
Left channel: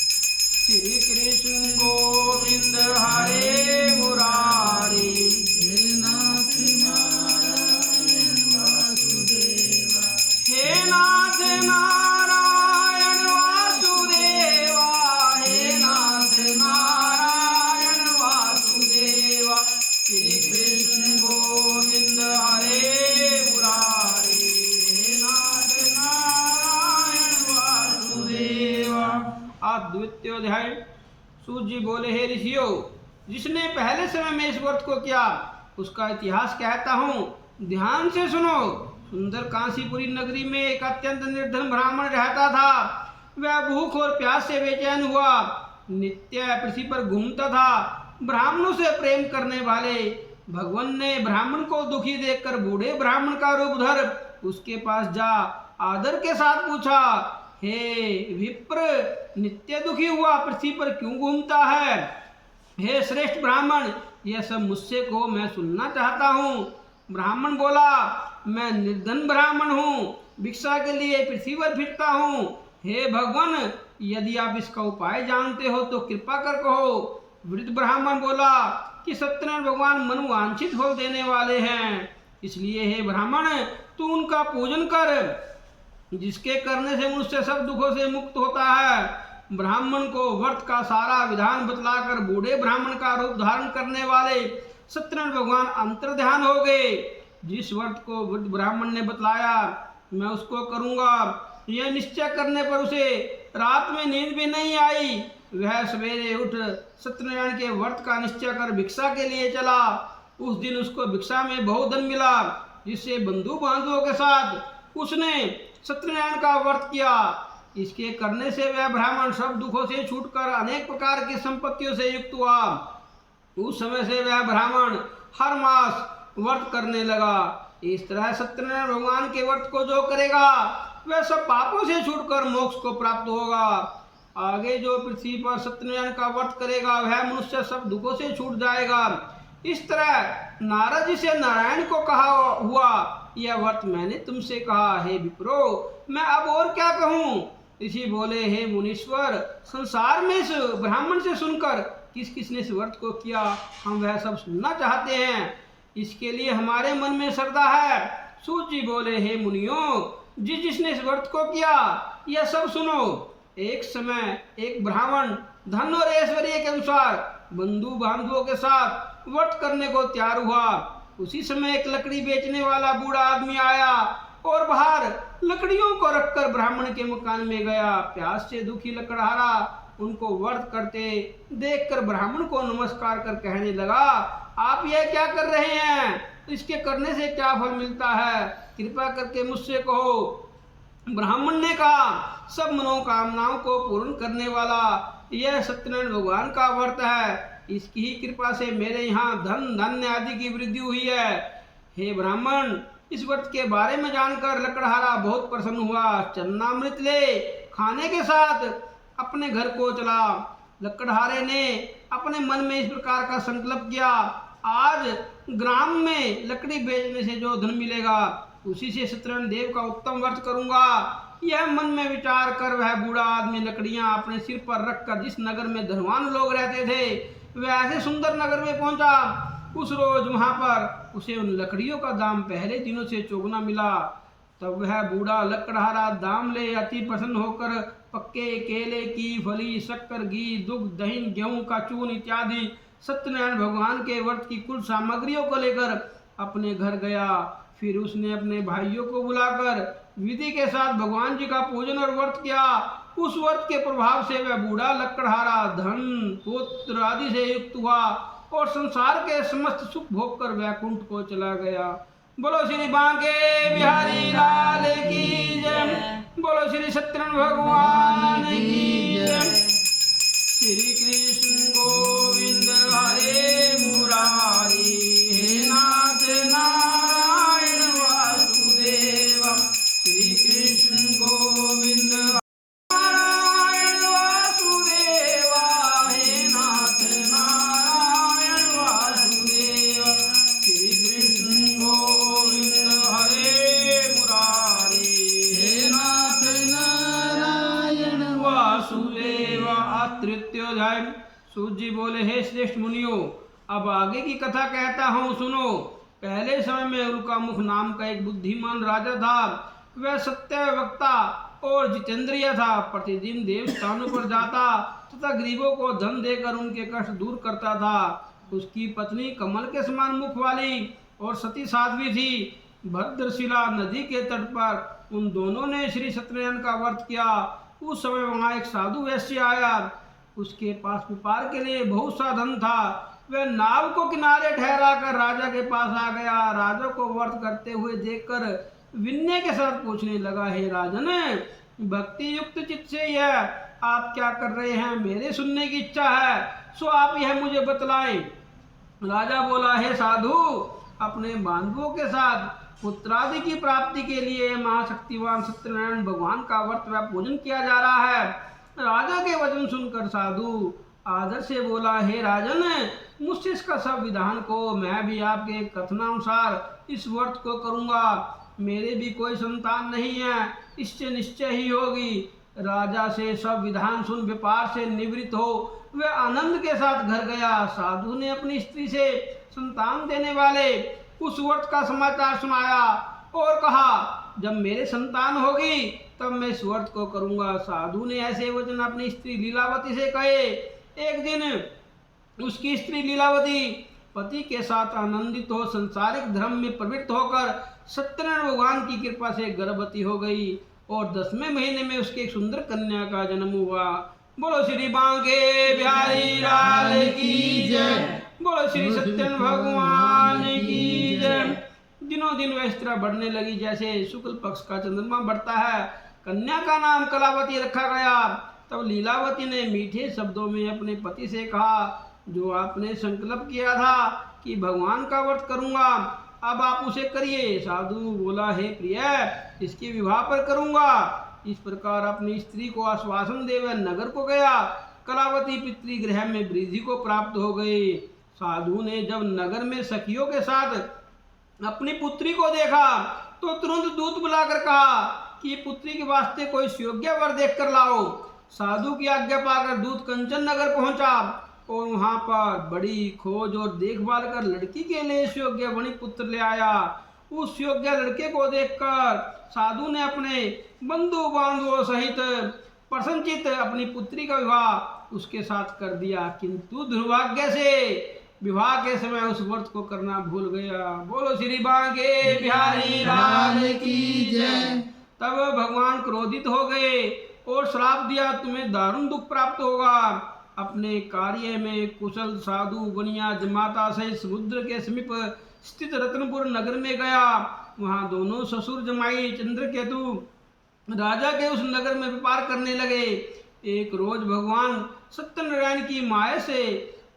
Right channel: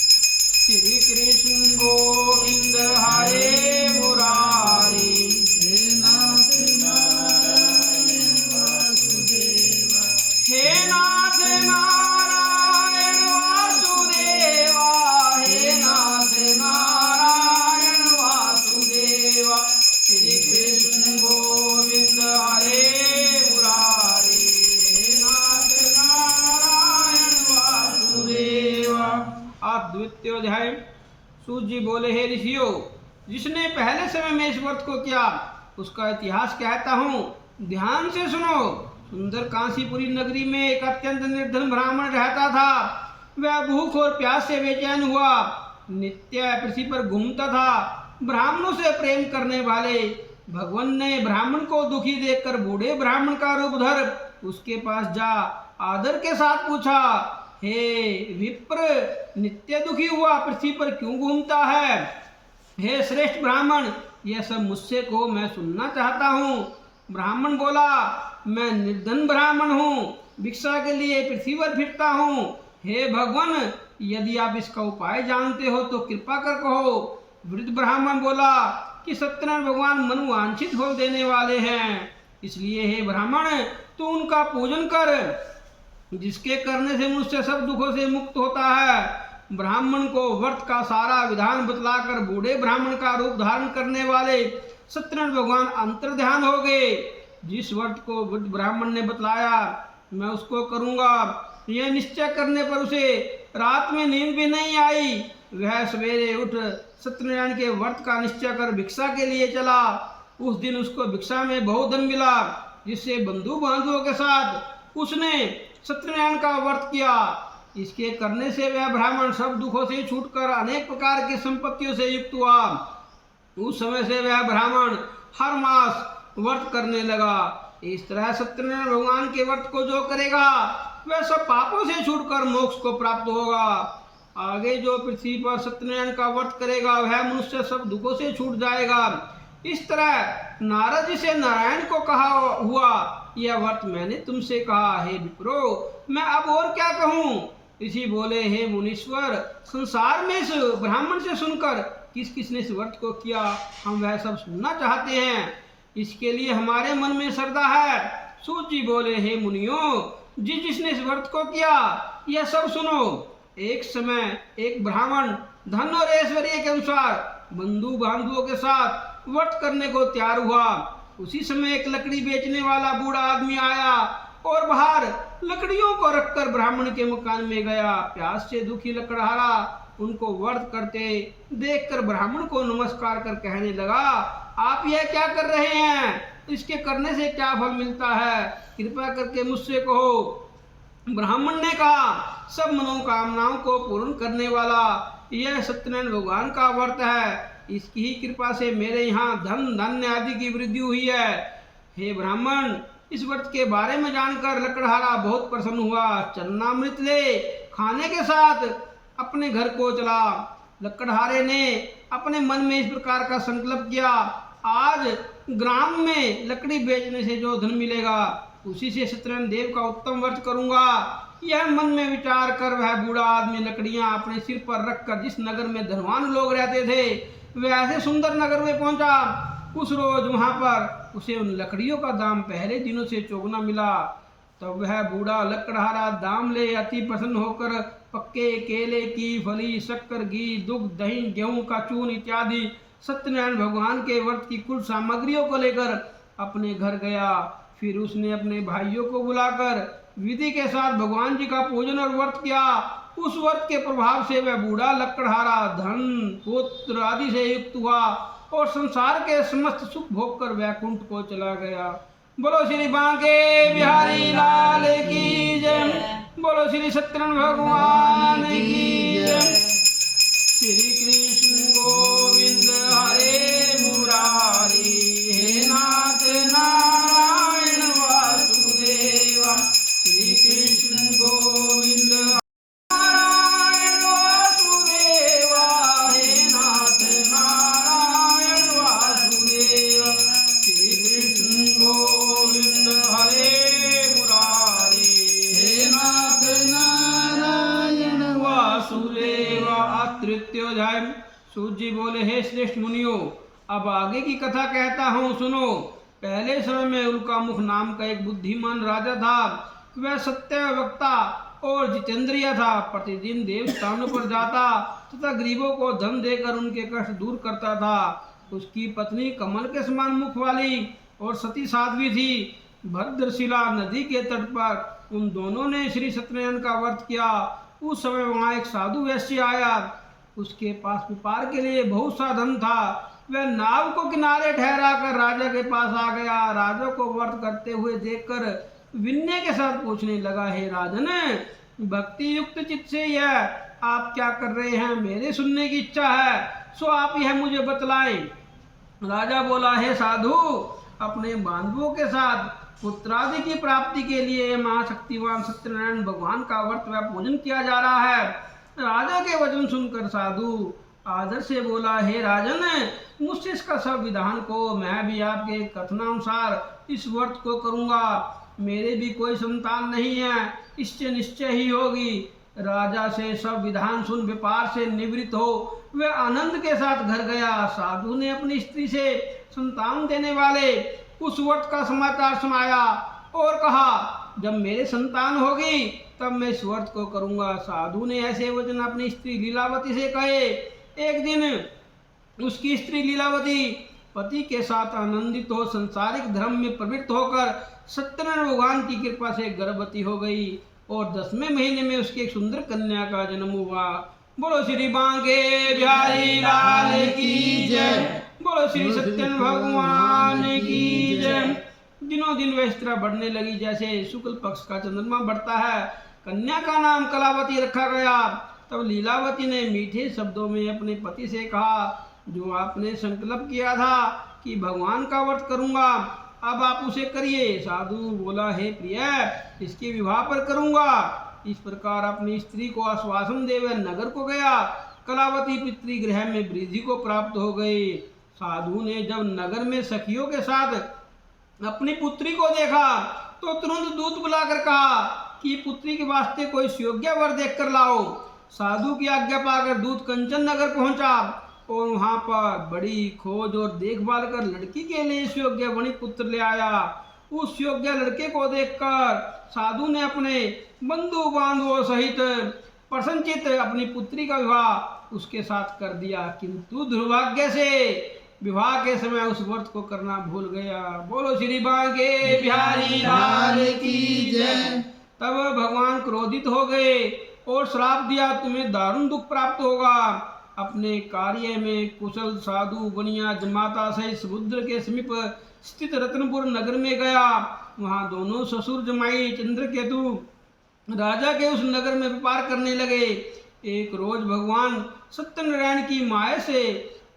श्री कृष्ण गोविंद हरे मुरारी, हे नाथ नारायण वासुदेवा, हे नाथ नारायण वासुदेवा, हे नाथ नारायण वासुदेवा, श्री कृष्ण गोविंद हरे मुरारी, हे नाथ नारायण वासुदेवा। आप द्वितीय अध्याय। सूत जी बोले, हे ऋषियों, जिसने पहले समय में इस व्रत को किया उसका इतिहास कहता हूँ, ध्यान से सुनो। सुंदर काशीपुरी नगरी में एक अत्यंत निर्धन ब्राह्मण रहता था। वह भूख और प्यास से बेचैन हुआ, नित्य पृथ्वी पर घूमता था। ब्राह्मणों से प्रेम करने वाले भगवान ने ब्राह्मण को दुखी देखकर बूढ़े ब्राह्मण का रूप धर उसके पास जा आदर के साथ पूछा, हे विप्र, नित्य दुखी हुआ पृथ्वी पर क्यों घूमता है? हे श्रेष्ठ ब्राह्मण, यह सब मुझसे को मैं सुनना चाहता हूँ। ब्राह्मण बोला, मैं निर्धन ब्राह्मण हूँ, भिक्षा के लिए पृथ्वी पर फिरता हूँ। हे भगवान, यदि आप इसका उपाय जानते हो तो कृपा कर कहो। वृद्ध ब्राह्मण बोला कि सत्यनारायण भगवान मनोवांछित फल देने वाले हैं, इसलिए हे ब्राह्मण, तू उनका पूजन कर, जिसके करने से मुझसे सब दुखों से मुक्त होता है। ब्राह्मण को व्रत का सारा विधान बतलाकर बूढ़े ब्राह्मण का रूप धारण करने वाले सत्यनारायण भगवान अंतर्ध्यान हो गए। जिस व्रत को वृद्ध ब्राह्मण ने बतलाया मैं उसको करूंगा, यह निश्चय करने पर उसे रात में नींद भी नहीं आई। वह सवेरे उठ सत्यनारायण के व्रत का निश्चय कर भिक्षा के लिए चला। उस दिन उसको भिक्षा में बहुत धन मिला, जिससे बंधु बांधवों के साथ उसने सत्यनारायण का व्रत किया। इसके करने से वह ब्राह्मण सब दुखों से छूटकर अनेक प्रकार की संपत्तियों से युक्त हुआ। उस समय से वह ब्राह्मण हर मास व्रत करने लगा। इस तरह सत्यनारायण भगवान के व्रत को जो करेगा वह सब पापों से छूटकर मोक्ष को प्राप्त होगा। आगे जो पृथ्वी पर सत्यनारायण का व्रत करेगा वह मनुष्य सब दुखों से छूट जाएगा। इस तरह नारद जी से नारायण को कहा हुआ, यह व्रत मैंने तुमसे कहा। हे विप्रो, मैं अब और क्या कहूँ? ऋषि बोले, हे मुनीश्वर, संसार में इस ब्राह्मण से सुनकर किस किसने इस व्रत को किया, हम वह सब सुनना चाहते हैं। इसके लिए हमारे मन में श्रद्धा है। सूत जी बोले, हे मुनियों, जिसने इस व्रत को किया यह सब सुनो। एक समय एक ब्राह्मण धन और ऐश्वर्य के अनुसार बंधु बांधवों के साथ व्रत करने को तैयार हुआ। उसी समय एक लकड़ी बेचने वाला बूढ़ा आदमी आया और बाहर लकड़ियों को रखकर ब्राह्मण के मकान में गया। प्यास से दुखी लकड़हारा उनको व्रत करते देखकर ब्राह्मण को नमस्कार कर कहने लगा, आप यह क्या कर रहे हैं? इसके करने से क्या फल मिलता है? कृपा करके मुझसे कहो। ब्राह्मण ने कहा, सब मनोकामनाओं को पूर्ण करने वाला यह सत्यनारायण भगवान का व्रत है। इसकी ही कृपा से मेरे यहाँ धन धान्य आदि की वृद्धि हुई है। हे ब्राह्मण, इस व्रत के बारे में जानकर लकड़हारा बहुत प्रसन्न हुआ। चन्नामृत ले खाने के साथ अपने घर को चला। लकड़हारे ने अपने मन में इस प्रकार का संकल्प किया, आज ग्राम में लकड़ी बेचने से जो धन मिलेगा उसी से सत्यनारायण देव का उत्तम व्रत करूंगा। यह मन में विचार कर वह बूढ़ा आदमी लकड़ियां अपने सिर पर रखकर जिस नगर में धनवान लोग रहते थे वह ऐसे सुंदर नगर में पहुंचा। उस रोज वहां पर उसे उन लकड़ियों का दाम पहले दिनों से चौगुना मिला। तब वह बूढ़ा लकड़हारा दाम ले अति प्रसन्न होकर पक्के केले की फली, शक्कर, घी, दुग्ध, दही, गेहूं का चून इत्यादि सत्यनारायण भगवान के व्रत की कुल सामग्रियों को लेकर अपने घर गया। फिर उसने अपने भाइयों को बुलाकर विधि के साथ भगवान जी का पूजन और व्रत किया। उस व्रत के प्रभाव से वह बूढ़ा लकड़हारा धन पुत्र आदि से युक्त हुआ और संसार के समस्त सुख भोग कर वैकुंठ को चला गया। बोलो श्री बांके बिहारी लाल की जय। बोलो श्री सत्यनारायण भगवान की जय। श्री कृष्ण गोविंद हरे मुरारी, हे नाथ नारायण वासुदेव। श्री कृष्ण गोविंद नारायण वासुदेव, हे नाथ नारायण वासुदेव। श्री कृष्ण गोविंद हरे सूत जी बोले, हे श्रेष्ठ मुनियों, अब आगे की कथा कहता हूँ, सुनो। पहले समय में उल्का मुख नाम का एक बुद्धिमान राजा था। वह सत्य वक्ता और जितेंद्रिय था। प्रतिदिन देव स्थानों पर जाता तथा गरीबों को धन देकर उनके कष्ट दूर करता था। उसकी पत्नी कमल के समान मुख वाली और सती साध्वी थी। भद्रशिला नदी के तट पर उन दोनों ने श्री सत्यनारायण का व्रत किया। उस समय वहाँ एक साधु वैश्य आया। उसके पास व्यापार के लिए बहुत सा धन था। वह नाव को किनारे ठहरा कर राजा के पास आ गया। राजा को व्रत करते हुए देखकर विनय के साथ पूछने लगा, हे राजन, भक्ति युक्त चित्त से यह आप क्या कर रहे हैं? मेरे सुनने की इच्छा है, सो आप यह मुझे बतलाएं। राजा बोला, हे साधु, अपने बांधवों के साथ पुत्रादि की प्राप्ति के लिए महाशक्तिवान सत्यनारायण भगवान का व्रत व पूजन किया जा रहा है। राजा के वचन सुनकर साधु आदर से बोला, हे राजन, मुझसे इसका सब विधान को, मैं भी आपके कथनानुसार इस व्रत को करूंगा। मेरे भी कोई संतान नहीं है, इससे निश्चय ही होगी। राजा से सब विधान सुन व्यापार से निवृत्त हो वह आनंद के साथ घर गया। साधु ने अपनी स्त्री से संतान देने वाले उस व्रत का समाचार सुनाया और कहा, जब मेरे संतान होगी तब मैं इस व्रत को करूंगा। साधु ने ऐसे वचन अपनी स्त्री लीलावती से कहे। एक दिन उसकी स्त्री लीलावती पति के साथ आनंदित हो संसारिक धर्म में प्रवृत्त होकर सत्यनारायण भगवान की कृपा से गर्भवती हो गई और 10वें महीने में उसके एक सुंदर कन्या का जन्म हुआ। बोलो श्री बांके बिहारी लाल की जय। बोलो श्री सत्यनारायण भगवान की जय। दिनों दिन वह इस तरह बढ़ने लगी जैसे शुक्ल पक्ष का चंद्रमा बढ़ता है। कन्या का नाम कलावती रखा गया। तब लीलावती ने मीठे शब्दों में अपने पति से कहा, जो आपने संकल्प किया था कि भगवान का व्रत करूंगा, अब आप उसे करिए। साधु बोला, हे प्रिय, इसके विवाह पर करूंगा। इस प्रकार अपनी स्त्री को आश्वासन दे वह नगर को गया। कलावती पितृगृह में वृद्धि को प्राप्त हो गई। साधु ने जब नगर में सखियों के साथ अपनी पुत्री को देखा तो तुरंत दूत बुलाकर कहा कि पुत्री के वास्ते कोई सुयोग्य वर देख कर लाओ। साधु की आज्ञा पाकर दूत कंचन नगर पहुंचा और वहां पर बड़ी खोज और देखभाल कर लड़की के लिए सुयोग्य वणिक पुत्र ले आया। उस योग्य लड़के को देखकर साधु ने अपने बंधु बांधवों सहित प्रसन्नचित अपनी पुत्री का विवाह उसके साथ कर दिया, किंतु दुर्भाग्य से विवाह के समय उस व्रत को करना भूल गया। बोलो श्री बांके बिहारी लाल की जय। तब भगवान क्रोधित हो गए और श्राप दिया, तुम्हें दारुण दुख प्राप्त होगा। अपने कार्य में कुशल साधु बनिया जमाता सहित समुद्र के समीप स्थित रत्नपुर नगर में गया। वहां दोनों ससुर जमाई चंद्रकेतु राजा के उस नगर में व्यापार करने लगे। एक रोज भगवान सत्यनारायण की माया से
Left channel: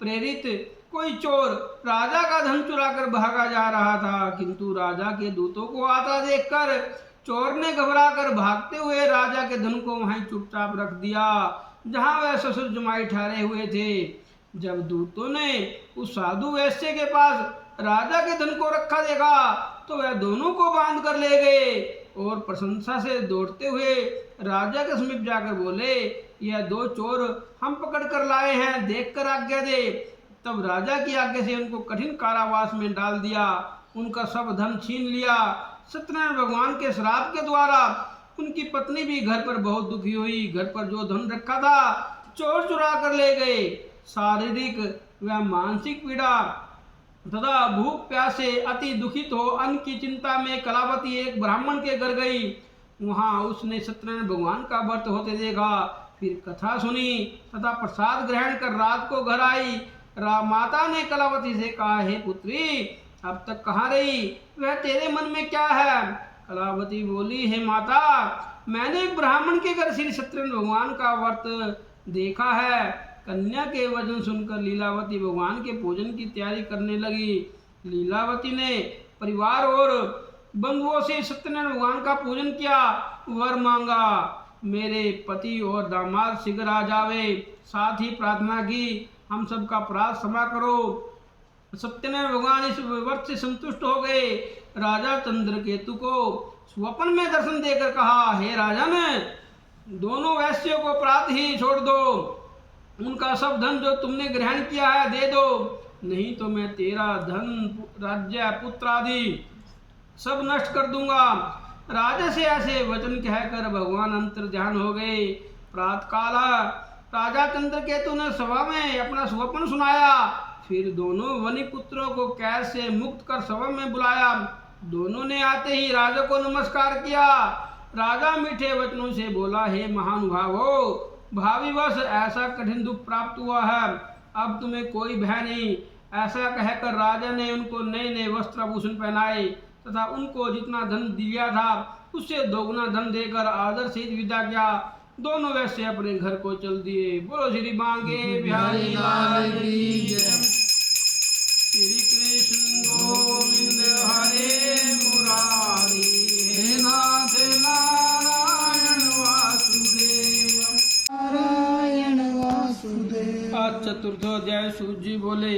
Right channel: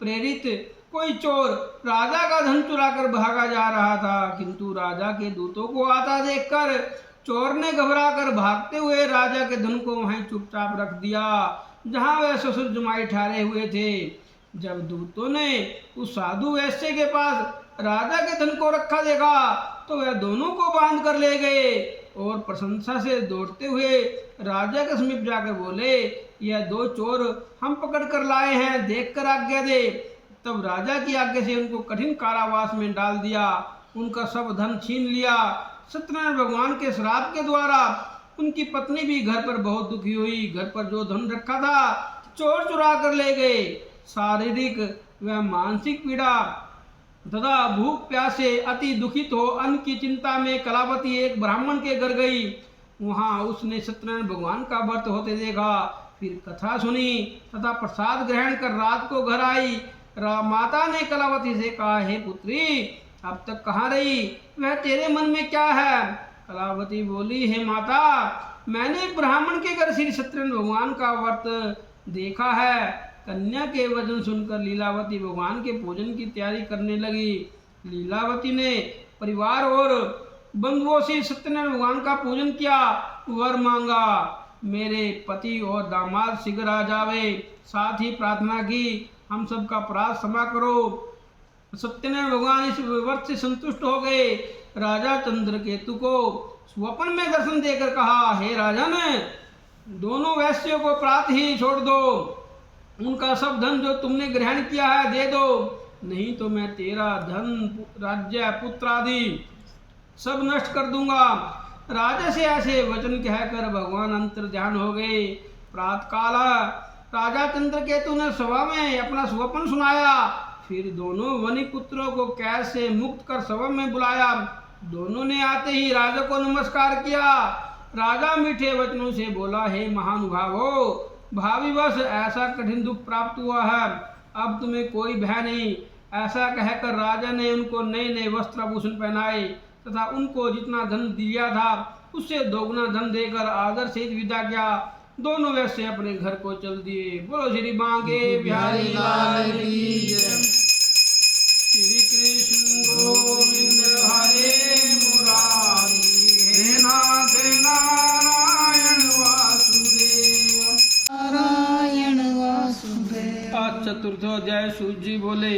प्रेरित कोई चोर राजा का धन चुरा कर भागा जा रहा था, किंतु राजा के दूतों को आता देखकर चोर ने घबरा कर भागते हुए राजा के धन को वहीं चुपचाप रख दिया जहां वह ससुर जमाई ठहरे हुए थे। जब दूतों ने उस साधु वैश्य के पास राजा के धन को रखा देखा तो वह दोनों को बांध कर ले गए और प्रशंसा से दौड़ते हुए राजा के समीप जाकर बोले, यह दो चोर हम पकड़ कर लाए हैं, देख कर आज्ञा दे। तब राजा की आज्ञा से उनको कठिन कारावास में डाल दिया, उनका सब धन छीन लिया। सत्यनारायण भगवान के श्राप के द्वारा उनकी पत्नी भी घर पर बहुत दुखी हुई। घर पर जो धन रखा था चोर चुरा कर ले गए। शारीरिक व मानसिक पीड़ा तथा भूख प्यास से अति दुखित हो अन्न की चिंता में कलावती एक ब्राह्मण के घर गई। वहां उसने सत्यनारायण भगवान का व्रत होते देखा, फिर कथा सुनी तथा प्रसाद ग्रहण कर रात को घर आई। माता ने कलावती से कहा, हे पुत्री, अब तक कहाँ रही? वह तेरे मन में क्या है? कलावती बोली, हे माता, मैंने एक ब्राह्मण के घर श्री सत्यनारायण भगवान का व्रत देखा है। कन्या के वचन सुनकर लीलावती भगवान के पूजन की तैयारी करने लगी। लीलावती ने परिवार और बंधुओं से सत्यनारायण भगवान का पूजन किया, वर मांगा, मेरे पति और दामाद शीघ्र आ जावे। साथ ही प्रार्थना की, हम सबका अपराध क्षमा करो। सत्यनारायण भगवान इस व्रत से संतुष्ट हो गए। राजा चंद्रकेतु को स्वप्न में दर्शन देकर कहा, हे राजन, दोनों वैश्यों को प्रातः ही छोड़ दो। उनका सब धन जो तुमने ग्रहण किया है दे दो, नहीं तो मैं तेरा धन, राज्य, पुत्र आदि सब नष्ट कर दूंगा। राजा से ऐसे वचन कहकर भगवान अंतर्ध्यान हो गए। प्रातःकाल राजा चंद्रकेतु ने सभा में अपना स्वप्न सुनाया। फिर दोनों वनी पुत्रों को कैद से मुक्त कर सभा में बुलाया। दोनों ने आते ही राजा को नमस्कार किया। राजा मीठे वचनों से बोला, हे महानुभावो, भावीवश ऐसा कठिन दुख प्राप्त हुआ है, अब तुम्हें कोई भय नहीं। ऐसा कहकर राजा ने उनको नए नए वस्त्र आभूषण पहनाए तथा उनको जितना धन दिया था उससे दोगुना धन देकर आदर से विदा किया। दोनों वैसे अपने घर को चल दिए। बोलो श्री बांके बिहारी लाल की जय। श्री कृष्ण गोविंद हरे मुरारी, हे नाथ नारायण वासुदेव, नारायण वासुदेव। आज चतुर्थोध्याय। सूत जी बोले,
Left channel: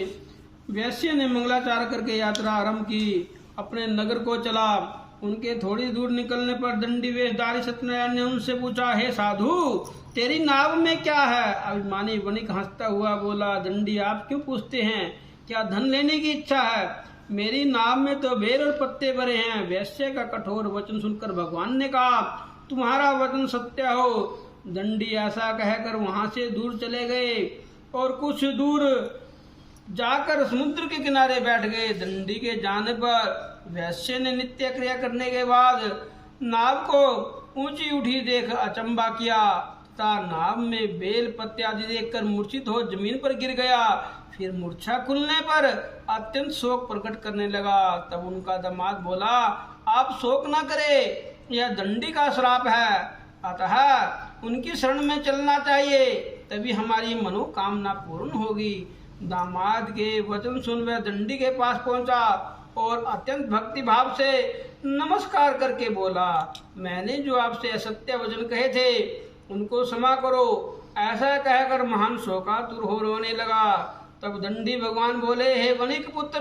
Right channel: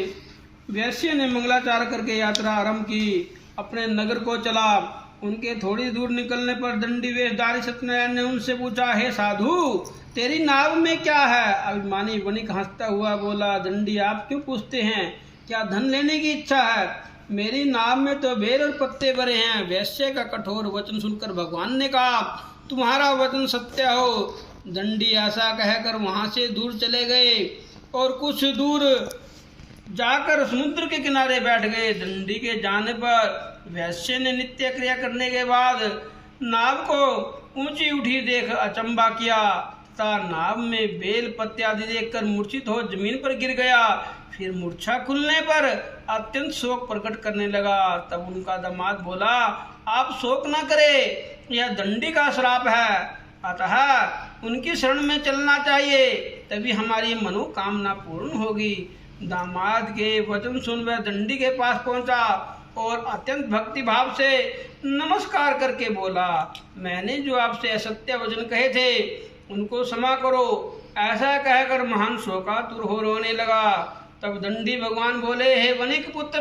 वैश्य ने मंगलाचार करके यात्रा आरंभ की, अपने नगर को चला। उनके थोड़ी दूर निकलने पर दंडी वेशधारी सत्यनारायण ने उनसे पूछा, हे साधु, तेरी नाव में क्या है? अभिमानी वणिक हंसता हुआ बोला, दंडी आप क्यों पूछते हैं? क्या धन लेने की इच्छा है? मेरी नाव में तो बेर और पत्ते भरे हैं। वैश्य का कठोर वचन सुनकर भगवान ने कहा, तुम्हारा वचन सत्य हो। दंडी ऐसा कहकर वहां से दूर चले गए और कुछ दूर जाकर समुद्र के किनारे बैठ गए। दंडी के जाने पर वैश्य ने नित्य क्रिया करने के बाद नाव को ऊंची उठी देख अचंबा किया तथा नाव में बेल पत्ते आदि देखकर मूर्छित हो जमीन पर गिर गया। फिर मूर्छा खुलने पर अत्यंत शोक प्रकट करने लगा। तब उनका दामाद बोला, आप शोक न करें, यह दंडी का श्राप है, अतः उनकी शरण में चलना चाहिए, तभी हमारी मनोकामना पूर्ण होगी। दामाद के वचन सुन वह दंडी के पास पहुंचा और अत्यंत भक्ति भाव से नमस्कार करके बोला, मैंने जो आपसे असत्य वचन कहे थे उनको क्षमा करो। ऐसा कहकर महान शोकातुर हो रोने लगा। तब दंडी भगवान बोले, हे वणिक पुत्र,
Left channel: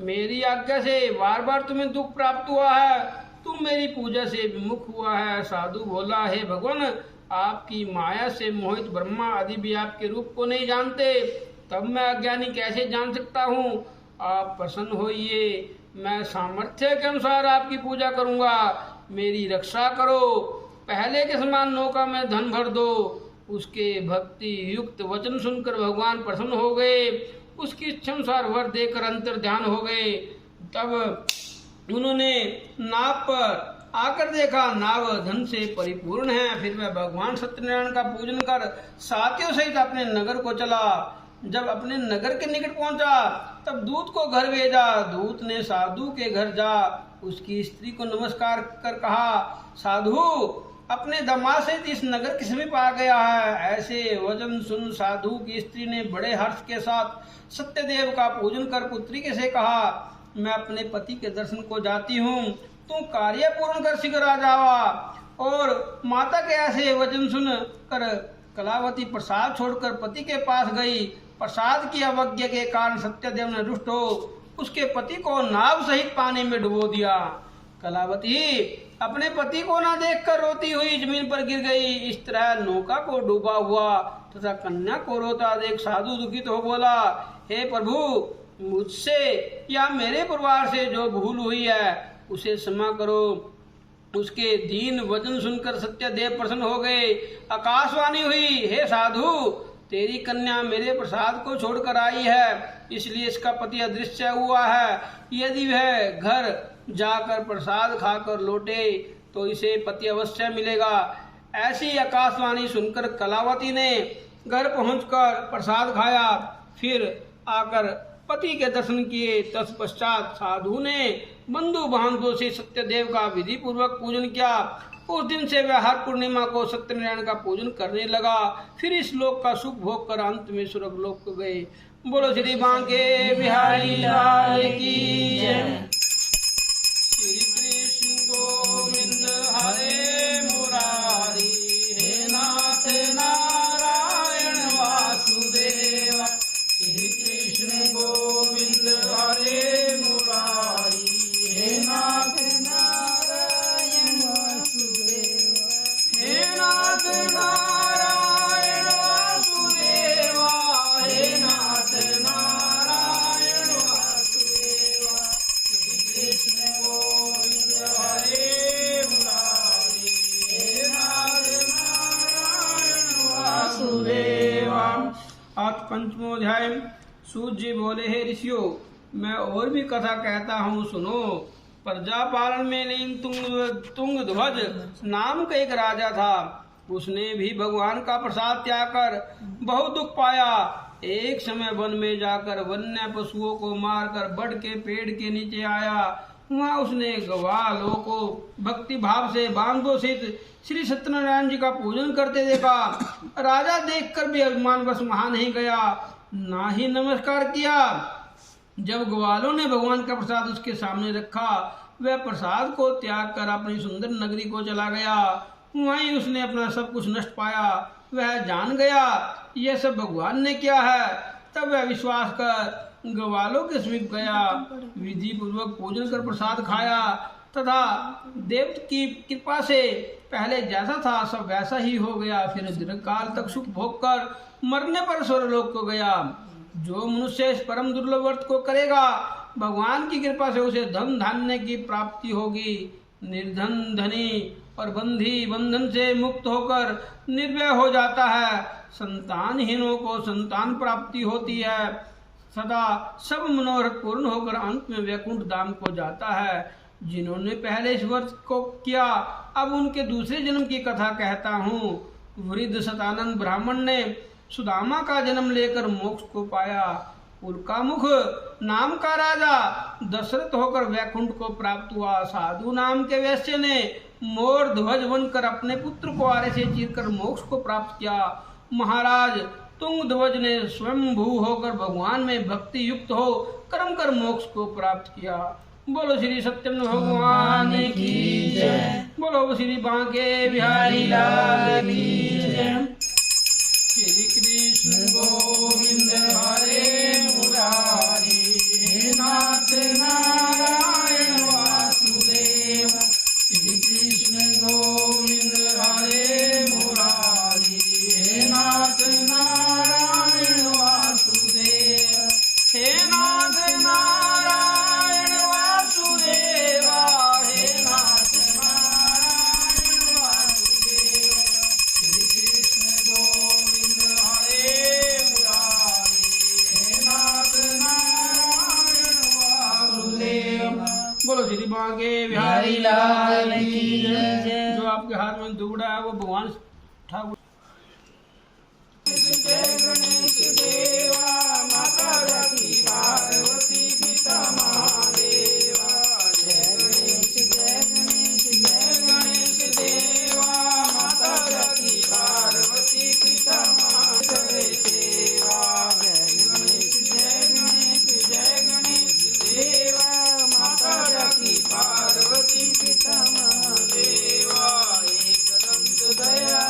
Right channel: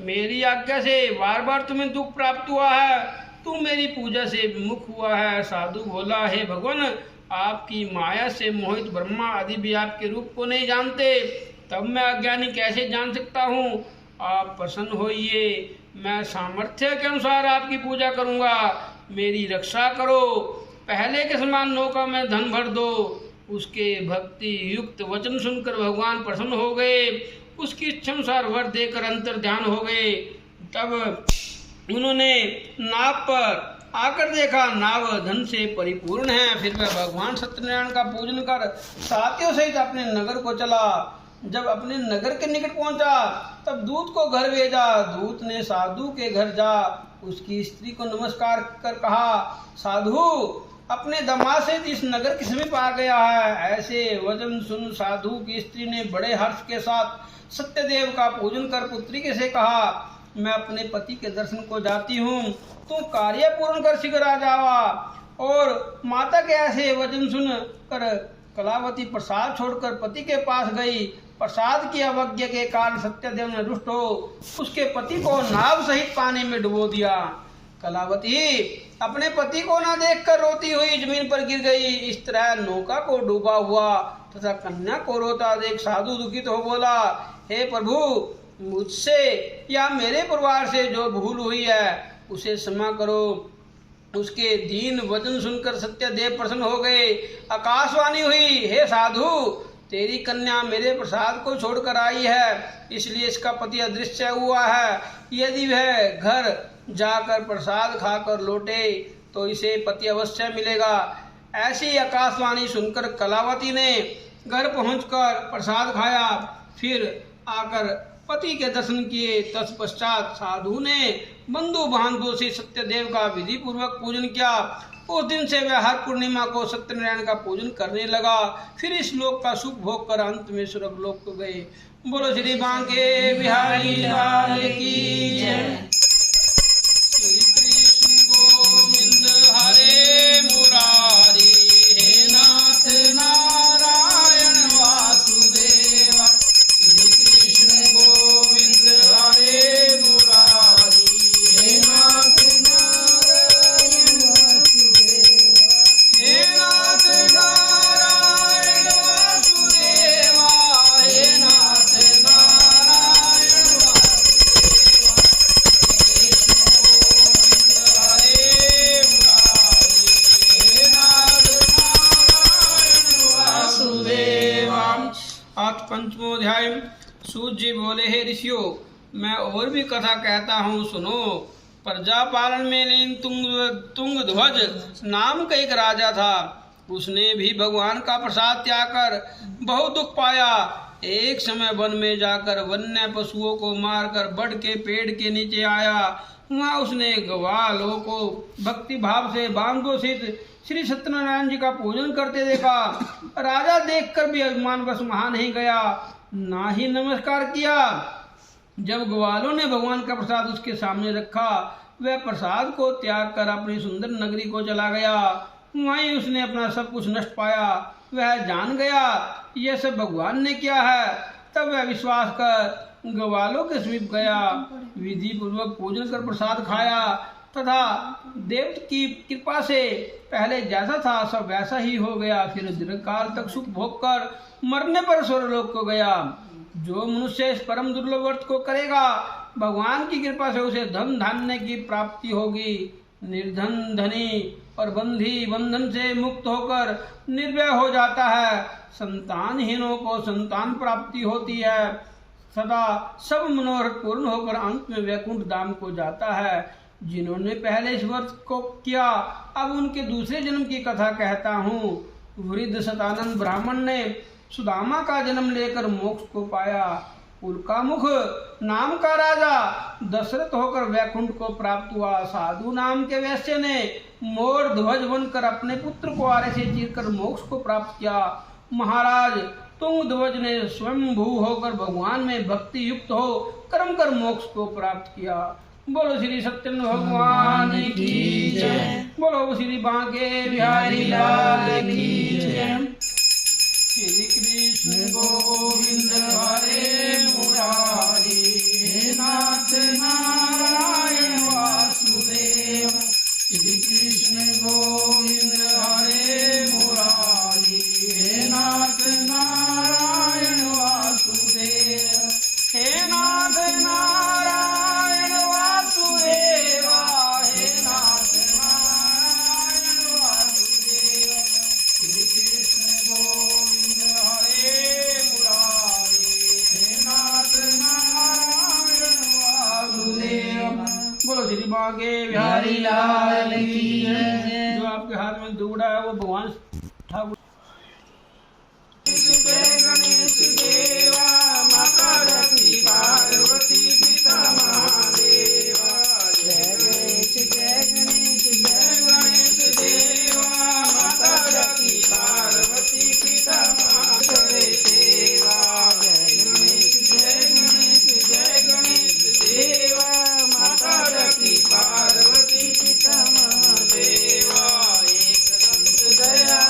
मेरी आज्ञा से बार बार तुम्हें दुख प्राप्त हुआ है, तुम मेरी पूजा से विमुख हुआ है। साधु बोला, हे भगवान, आपकी माया से मोहित ब्रह्मा आदि भी आपके रूप को नहीं जानते, तब मैं अज्ञानी कैसे जान सकता हूँ? आप प्रसन्न होइए, मैं सामर्थ्य के अनुसार आपकी पूजा करूँगा, मेरी रक्षा करो। पहले के समान नौका में धन भर दो। उसके भक्ति युक्त वचन सुनकर भगवान प्रसन्न हो गए, उसकी इच्छा अनुसार वर देकर अंतर ध्यान हो गए। तब उन्होंने नाव पर आकर देखा, नाव धन से परिपूर्ण है। फिर वह भगवान सत्यनारायण का पूजन कर साथियों सहित अपने नगर को चला। जब अपने नगर के निकट पहुंचा तब दूत को घर भेजा। दूत ने साधु के घर जा उसकी स्त्री को नमस्कार कर कहा, साधु अपने दामाद से इस नगर के समीप आ गया है। ऐसे वचन सुन साधु की स्त्री ने बड़े हर्ष के साथ सत्यदेव का पूजन कर पुत्री के से कहा, मैं अपने पति के दर्शन को जाती हूँ, तुम कार्य पूर्ण कर शीघ्र आ जावा। और माता के ऐसे वचन सुन कर कलावती प्रसाद छोड़कर पति के पास गई। प्रसाद की अवज्ञा के कारण सत्यदेव ने रुष्ट हो उसके पति को नाव सहित पानी में डुबो दिया। कलावती अपने पति को न देखकर रोती हुई जमीन पर गिर गई। इस तरह नौका को डूबा हुआ तथा कन्या को रोता देख साधु दुखित हो बोला, हे प्रभु, मुझसे या मेरे परिवार से जो भूल हुई है उसे क्षमा करो। उसके दीन वचन सुनकर सत्यदेव प्रसन्न हो गए। आकाशवाणी हुई, हे साधु, तेरी कन्या मेरे प्रसाद को छोड़कर आई है, इसलिए इसका पति अदृश्य हुआ है। यदि वह घर जाकर प्रसाद खाकर लौटे तो इसे पति अवश्य मिलेगा। ऐसी आकाशवाणी सुनकर कलावती ने घर पहुंचकर प्रसाद खाया, फिर आकर पति के दर्शन किए। तत्पश्चात साधु ने बंधु बांधवों से सत्यदेव का विधि पूर्वक पूजन किया। उस दिन से वह हर पूर्णिमा को सत्यनारायण का पूजन करने लगा। फिर इस लोक का सुख भोग कर अंत में स्वर्ग लोक को गए। बोलो श्री बांके बिहारी लाल की जय। श्री कृष्ण गोविंद हरे मुरारी, हे नाथ नारायण वासुदेव। श्री कृष्ण गोविंद हरे मुरारी, हे नाथ नारायण वासुदेव। हे नाथ नारायण वासुदेव, सूत जी बोले, हे ऋषियों, मैं और भी कथा कहता हूँ, सुनो। प्रजा पालन में लीन तुंगध्वज नाम का एक राजा था। उसने भी भगवान का प्रसाद त्याग कर बहुत दुख पाया। एक समय वन में जाकर वन्य पशुओं को मारकर बड़ के पेड़ के नीचे आया। वहाँ उसने ग्वालों को भक्ति भाव से बांधो स्थित श्री सत्यनारायण जी का पूजन करते देखा। राजा देखकर भी अभिमानवश वहां नहीं गया, ना ही नमस्कार किया। जब ग्वालों ने भगवान का प्रसाद उसके सामने रखा, वह प्रसाद को त्याग कर अपनी सुंदर नगरी को चला गया। वहीं उसने अपना सब कुछ नष्ट पाया। वह जान गया यह सब भगवान ने किया है। तब वह विश्वास कर ग्वालों के समीप गया, विधि पूर्वक पूजन कर प्रसाद खाया तथा देव की कृपा से पहले जैसा था सब वैसा ही हो गया। फिर दीर्घकाल तक सुख भोग कर मरने पर स्वर्गलोक को गया। जो मनुष्य इस परम दुर्लभ व्रत को करेगा, भगवान की कृपा से उसे धन धान्य की प्राप्ति होगी। निर्धन धनी और बंधी बंधन से मुक्त होकर निर्भय हो जाता है। संतानहीनों को संतान प्राप्ति होती है। सदा सब मनोरथ पूर्ण होकर अंत में वैकुंठ धाम को जाता है। जिन्होंने पहले इस व्रत को किया, अब उनके दूसरे जन्म की कथा कहता हूँ। वृद्ध सतानंद ब्राह्मण ने सुदामा का जन्म लेकर मोक्ष को पाया। उल्कामुख नाम का राजा दशरथ होकर वैकुंठ को प्राप्त हुआ। साधु नाम के वैश्य ने मोर ध्वज बनकर अपने पुत्र को आरे से चीरकर मोक्ष को प्राप्त किया। महाराज तुंगध्वज ने स्वयं भू होकर भगवान में भक्ति युक्त हो कर्म कर मोक्ष को प्राप्त किया। बोलो श्री सत्यनारायण भगवान की जय। बोलो श्री बांके बिहारी लाल की जय। श्री कृष्ण गोविंद हरे मुरारी, हे नाथ नारायण वासुदेव। श्री कृष्ण गोविंद हरे मुरारी, हे नाथ नारायण वासुदेव। हे नाथ नारायण वासुदेवा, हे नाथ नारायण वासुदेव। श्री कृष्ण गोविंद हरे मुरारी, हे नाथ नारायण वासुदेव। बोलो श्री बांके बिहारी लाल की जय। जो आपके हाथ में दुबड़ा है वो भगवान ठाकुर। जय गणेश देवा, माता रखी पार्वती पिता महादेवा। जय गणेश जय गणेश जय गणेश देवा, माता रखी पार्वती पिता महादेव सेवा। जय गणेश जय गणेश जय गणेश देवा, माता रखी पार्वती पिता महादेवा। एकदंत दया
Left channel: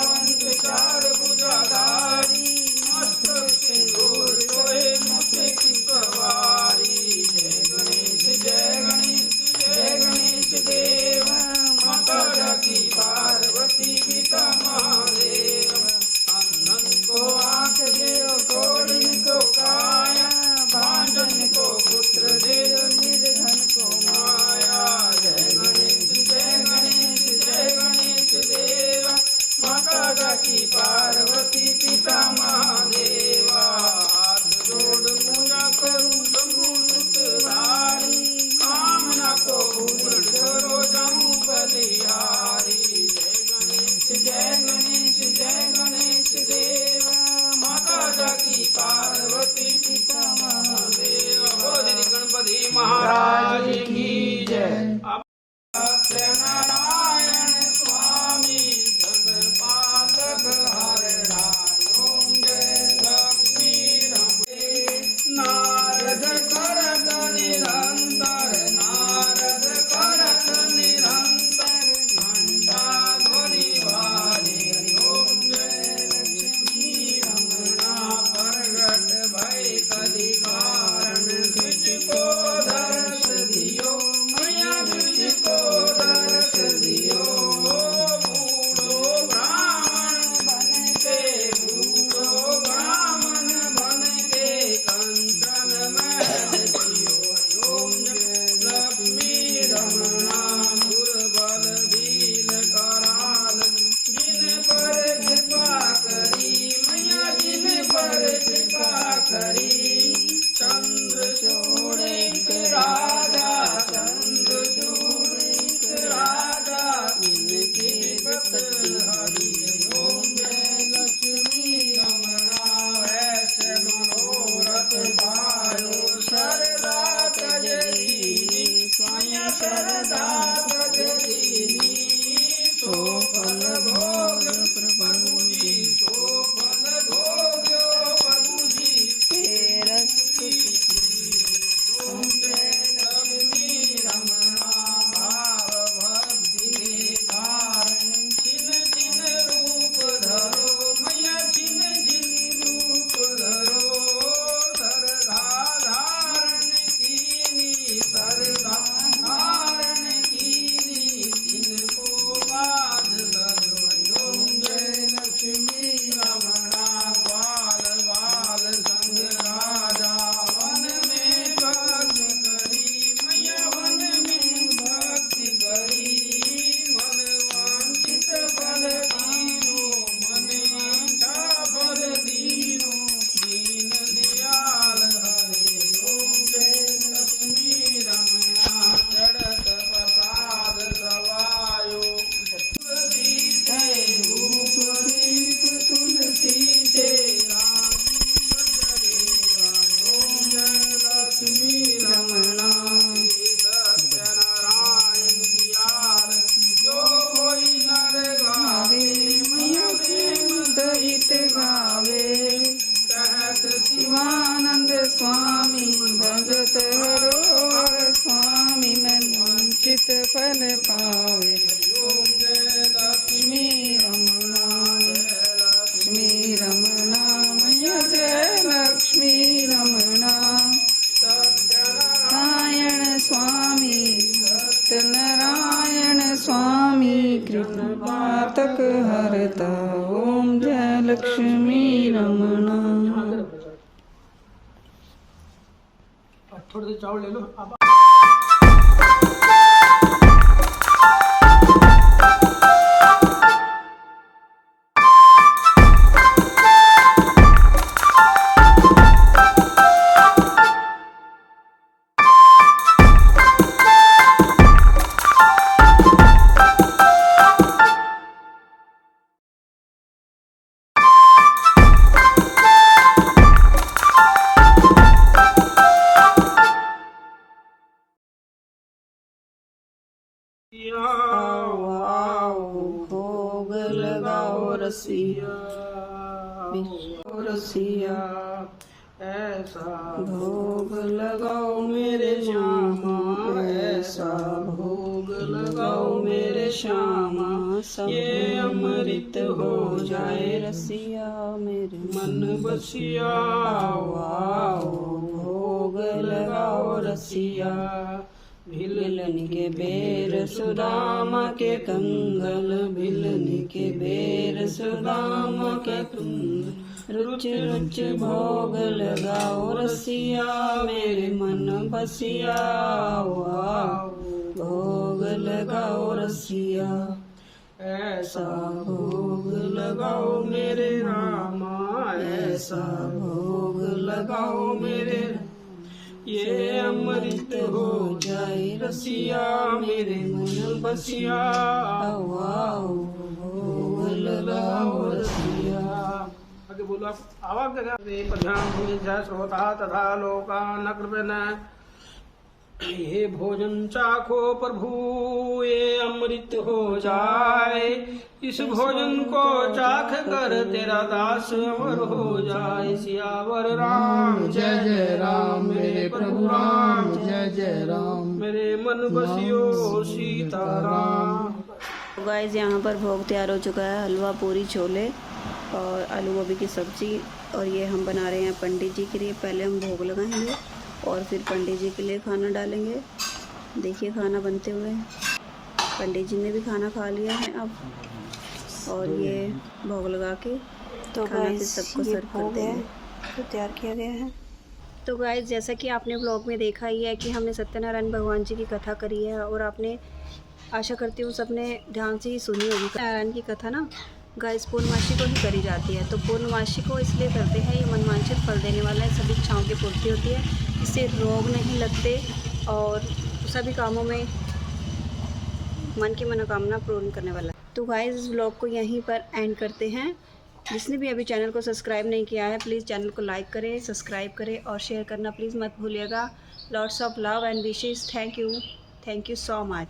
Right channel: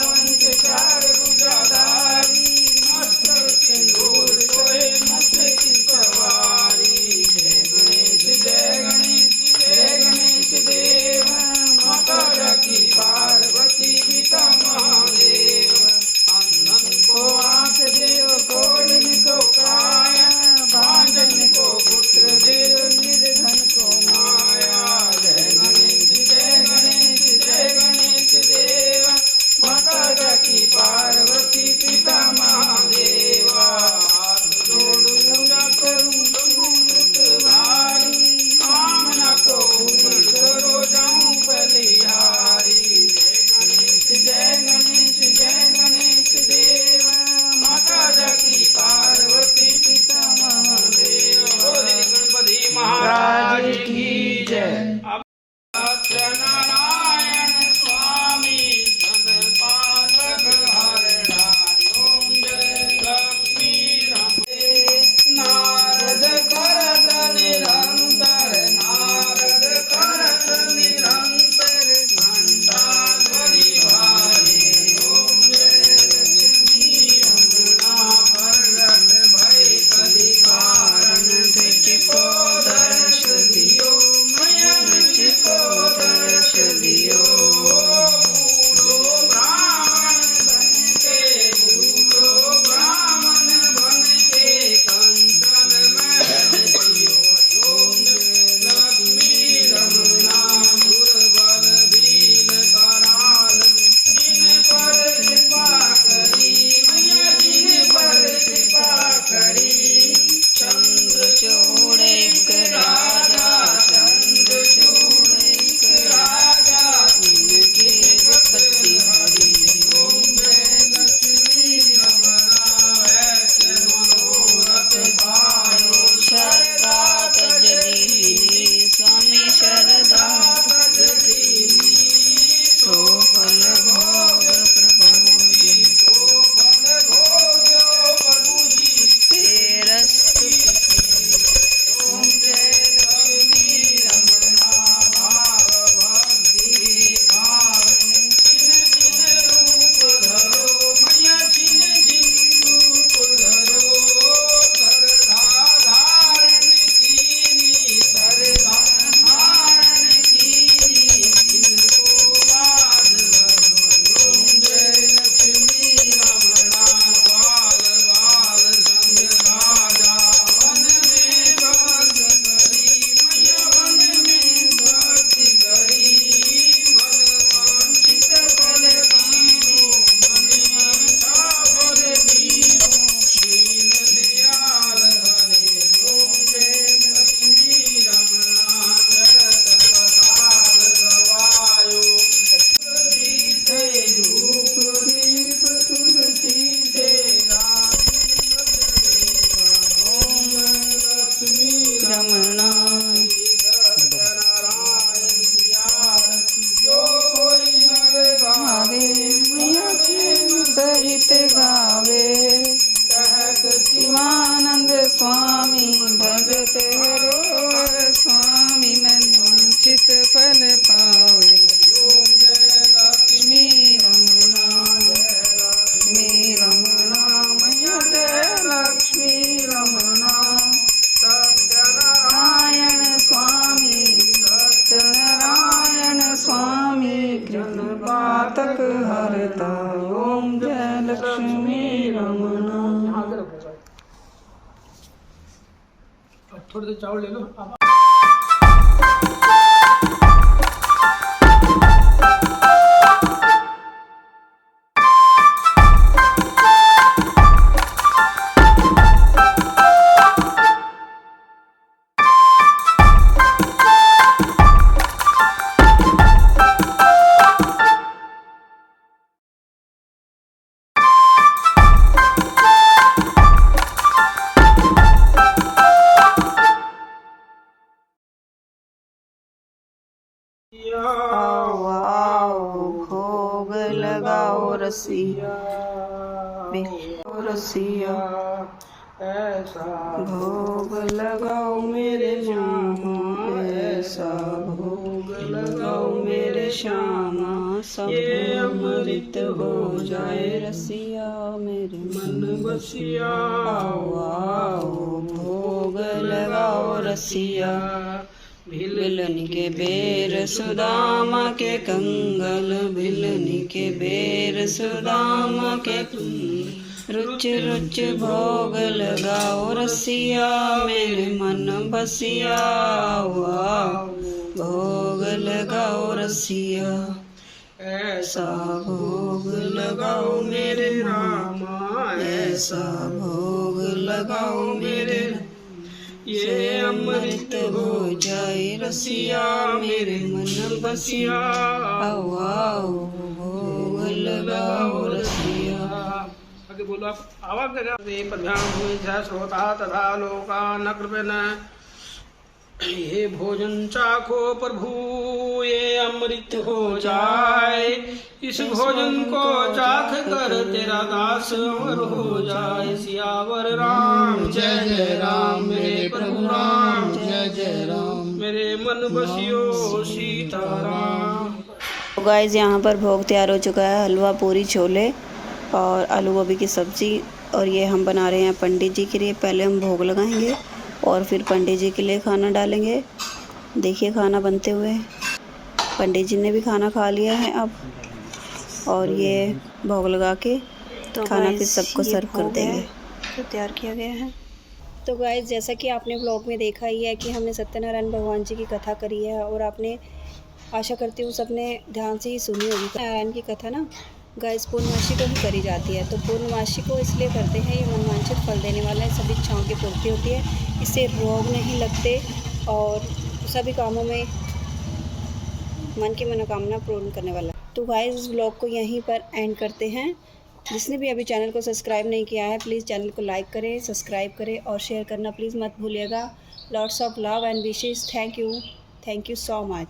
स्वामी भगत हरोहर स्वामी वंचित फल पावे लक्ष्मी रमणा लक्ष्मी रमणा मैया जय लक्ष्मी रमणा सत्यनारायण स्वामी सत्यनारायण स्वामी कृष्ण पातक हरता ओम जय लक्ष्मी रमणा। थोड़े से चावल ले लो आप। आओ आओ भोग लगाओ रसिया रसिया ऐसा भोग लगाओ मेरे मामा ऐसा भोग लगाओ मेरे श्यामा सब अमृत हो जाए रसिया मेरे मन बसिया। आओ आओ भोग लगाओ रसिया भिलनी के बेर सुदामा के कंगल भिलनी के बेर सुदामा के रुच रुच भोग लगाओ रसिया मेरे मन बसिया। आओ भोग लगाओ रसिया ऐसा भोग लगाओ मेरे मामा ऐसा भोग लगाओ मेरे ये अमृत हो जाए रसिया मेरे मन बसिया। आओ आओ भोग लगाओ रसिया। आगे बोलो आप आवाज देगा श्रोता तथा लोका न कृपन ये भोजन चाखो प्रभु ये अमृत हो जाए इस भोजन को चाख कर तेरा दास अमर हो जाए। सियावर राम जय जय राम मेरे प्रभु राम जय जय राम मेरे मन बसियो सीताराम। तो गाइस यहाँ पर भोग तैयार हो चुका है हलवा पूरी छोले और आलू गोभी की सब्ज़ी और ये हम बना रहे हैं पंडित जी के लिए। पहले हम भोग लगाएंगे और फिर पंडित जी के लिए खाना डालेंगे। देखिए खाना बनते हुए पंडित जी ने भी खाना खा लिया है अब और ये भोग लगा के तो खाना फिर सबको सर्व कर देंगे। तो तैयार किया गया है। तो गाइस जैसा कि आपने ब्लॉग में देखा ही है कि हमने सत्यनारायण भगवान जी की कथा करी है और आपने आशा करती हूँ सबने ध्यान से ही सुनी होगी। नारायण की कथा ना गाइस पूर्णमासी को ही करी जाती है। तो पूर्णमासी को इसलिए करते हैं ये मनवांछित फल देने वाला है सभी इच्छाओं की पूर्ति होती है इससे रोग नहीं लगते और सभी कामों में मन की मनोकामना पूर्ण करने वाला है। तो गाइस इस ब्लॉग को यहीं पर एंड करते हैं। जिसने भी अभी चैनल को सब्सक्राइब नहीं किया है प्लीज़ चैनल को लाइक करें सब्सक्राइब करें और शेयर करना प्लीज़ मत भूलिएगा। Lots of love and wishes. Thank you so much.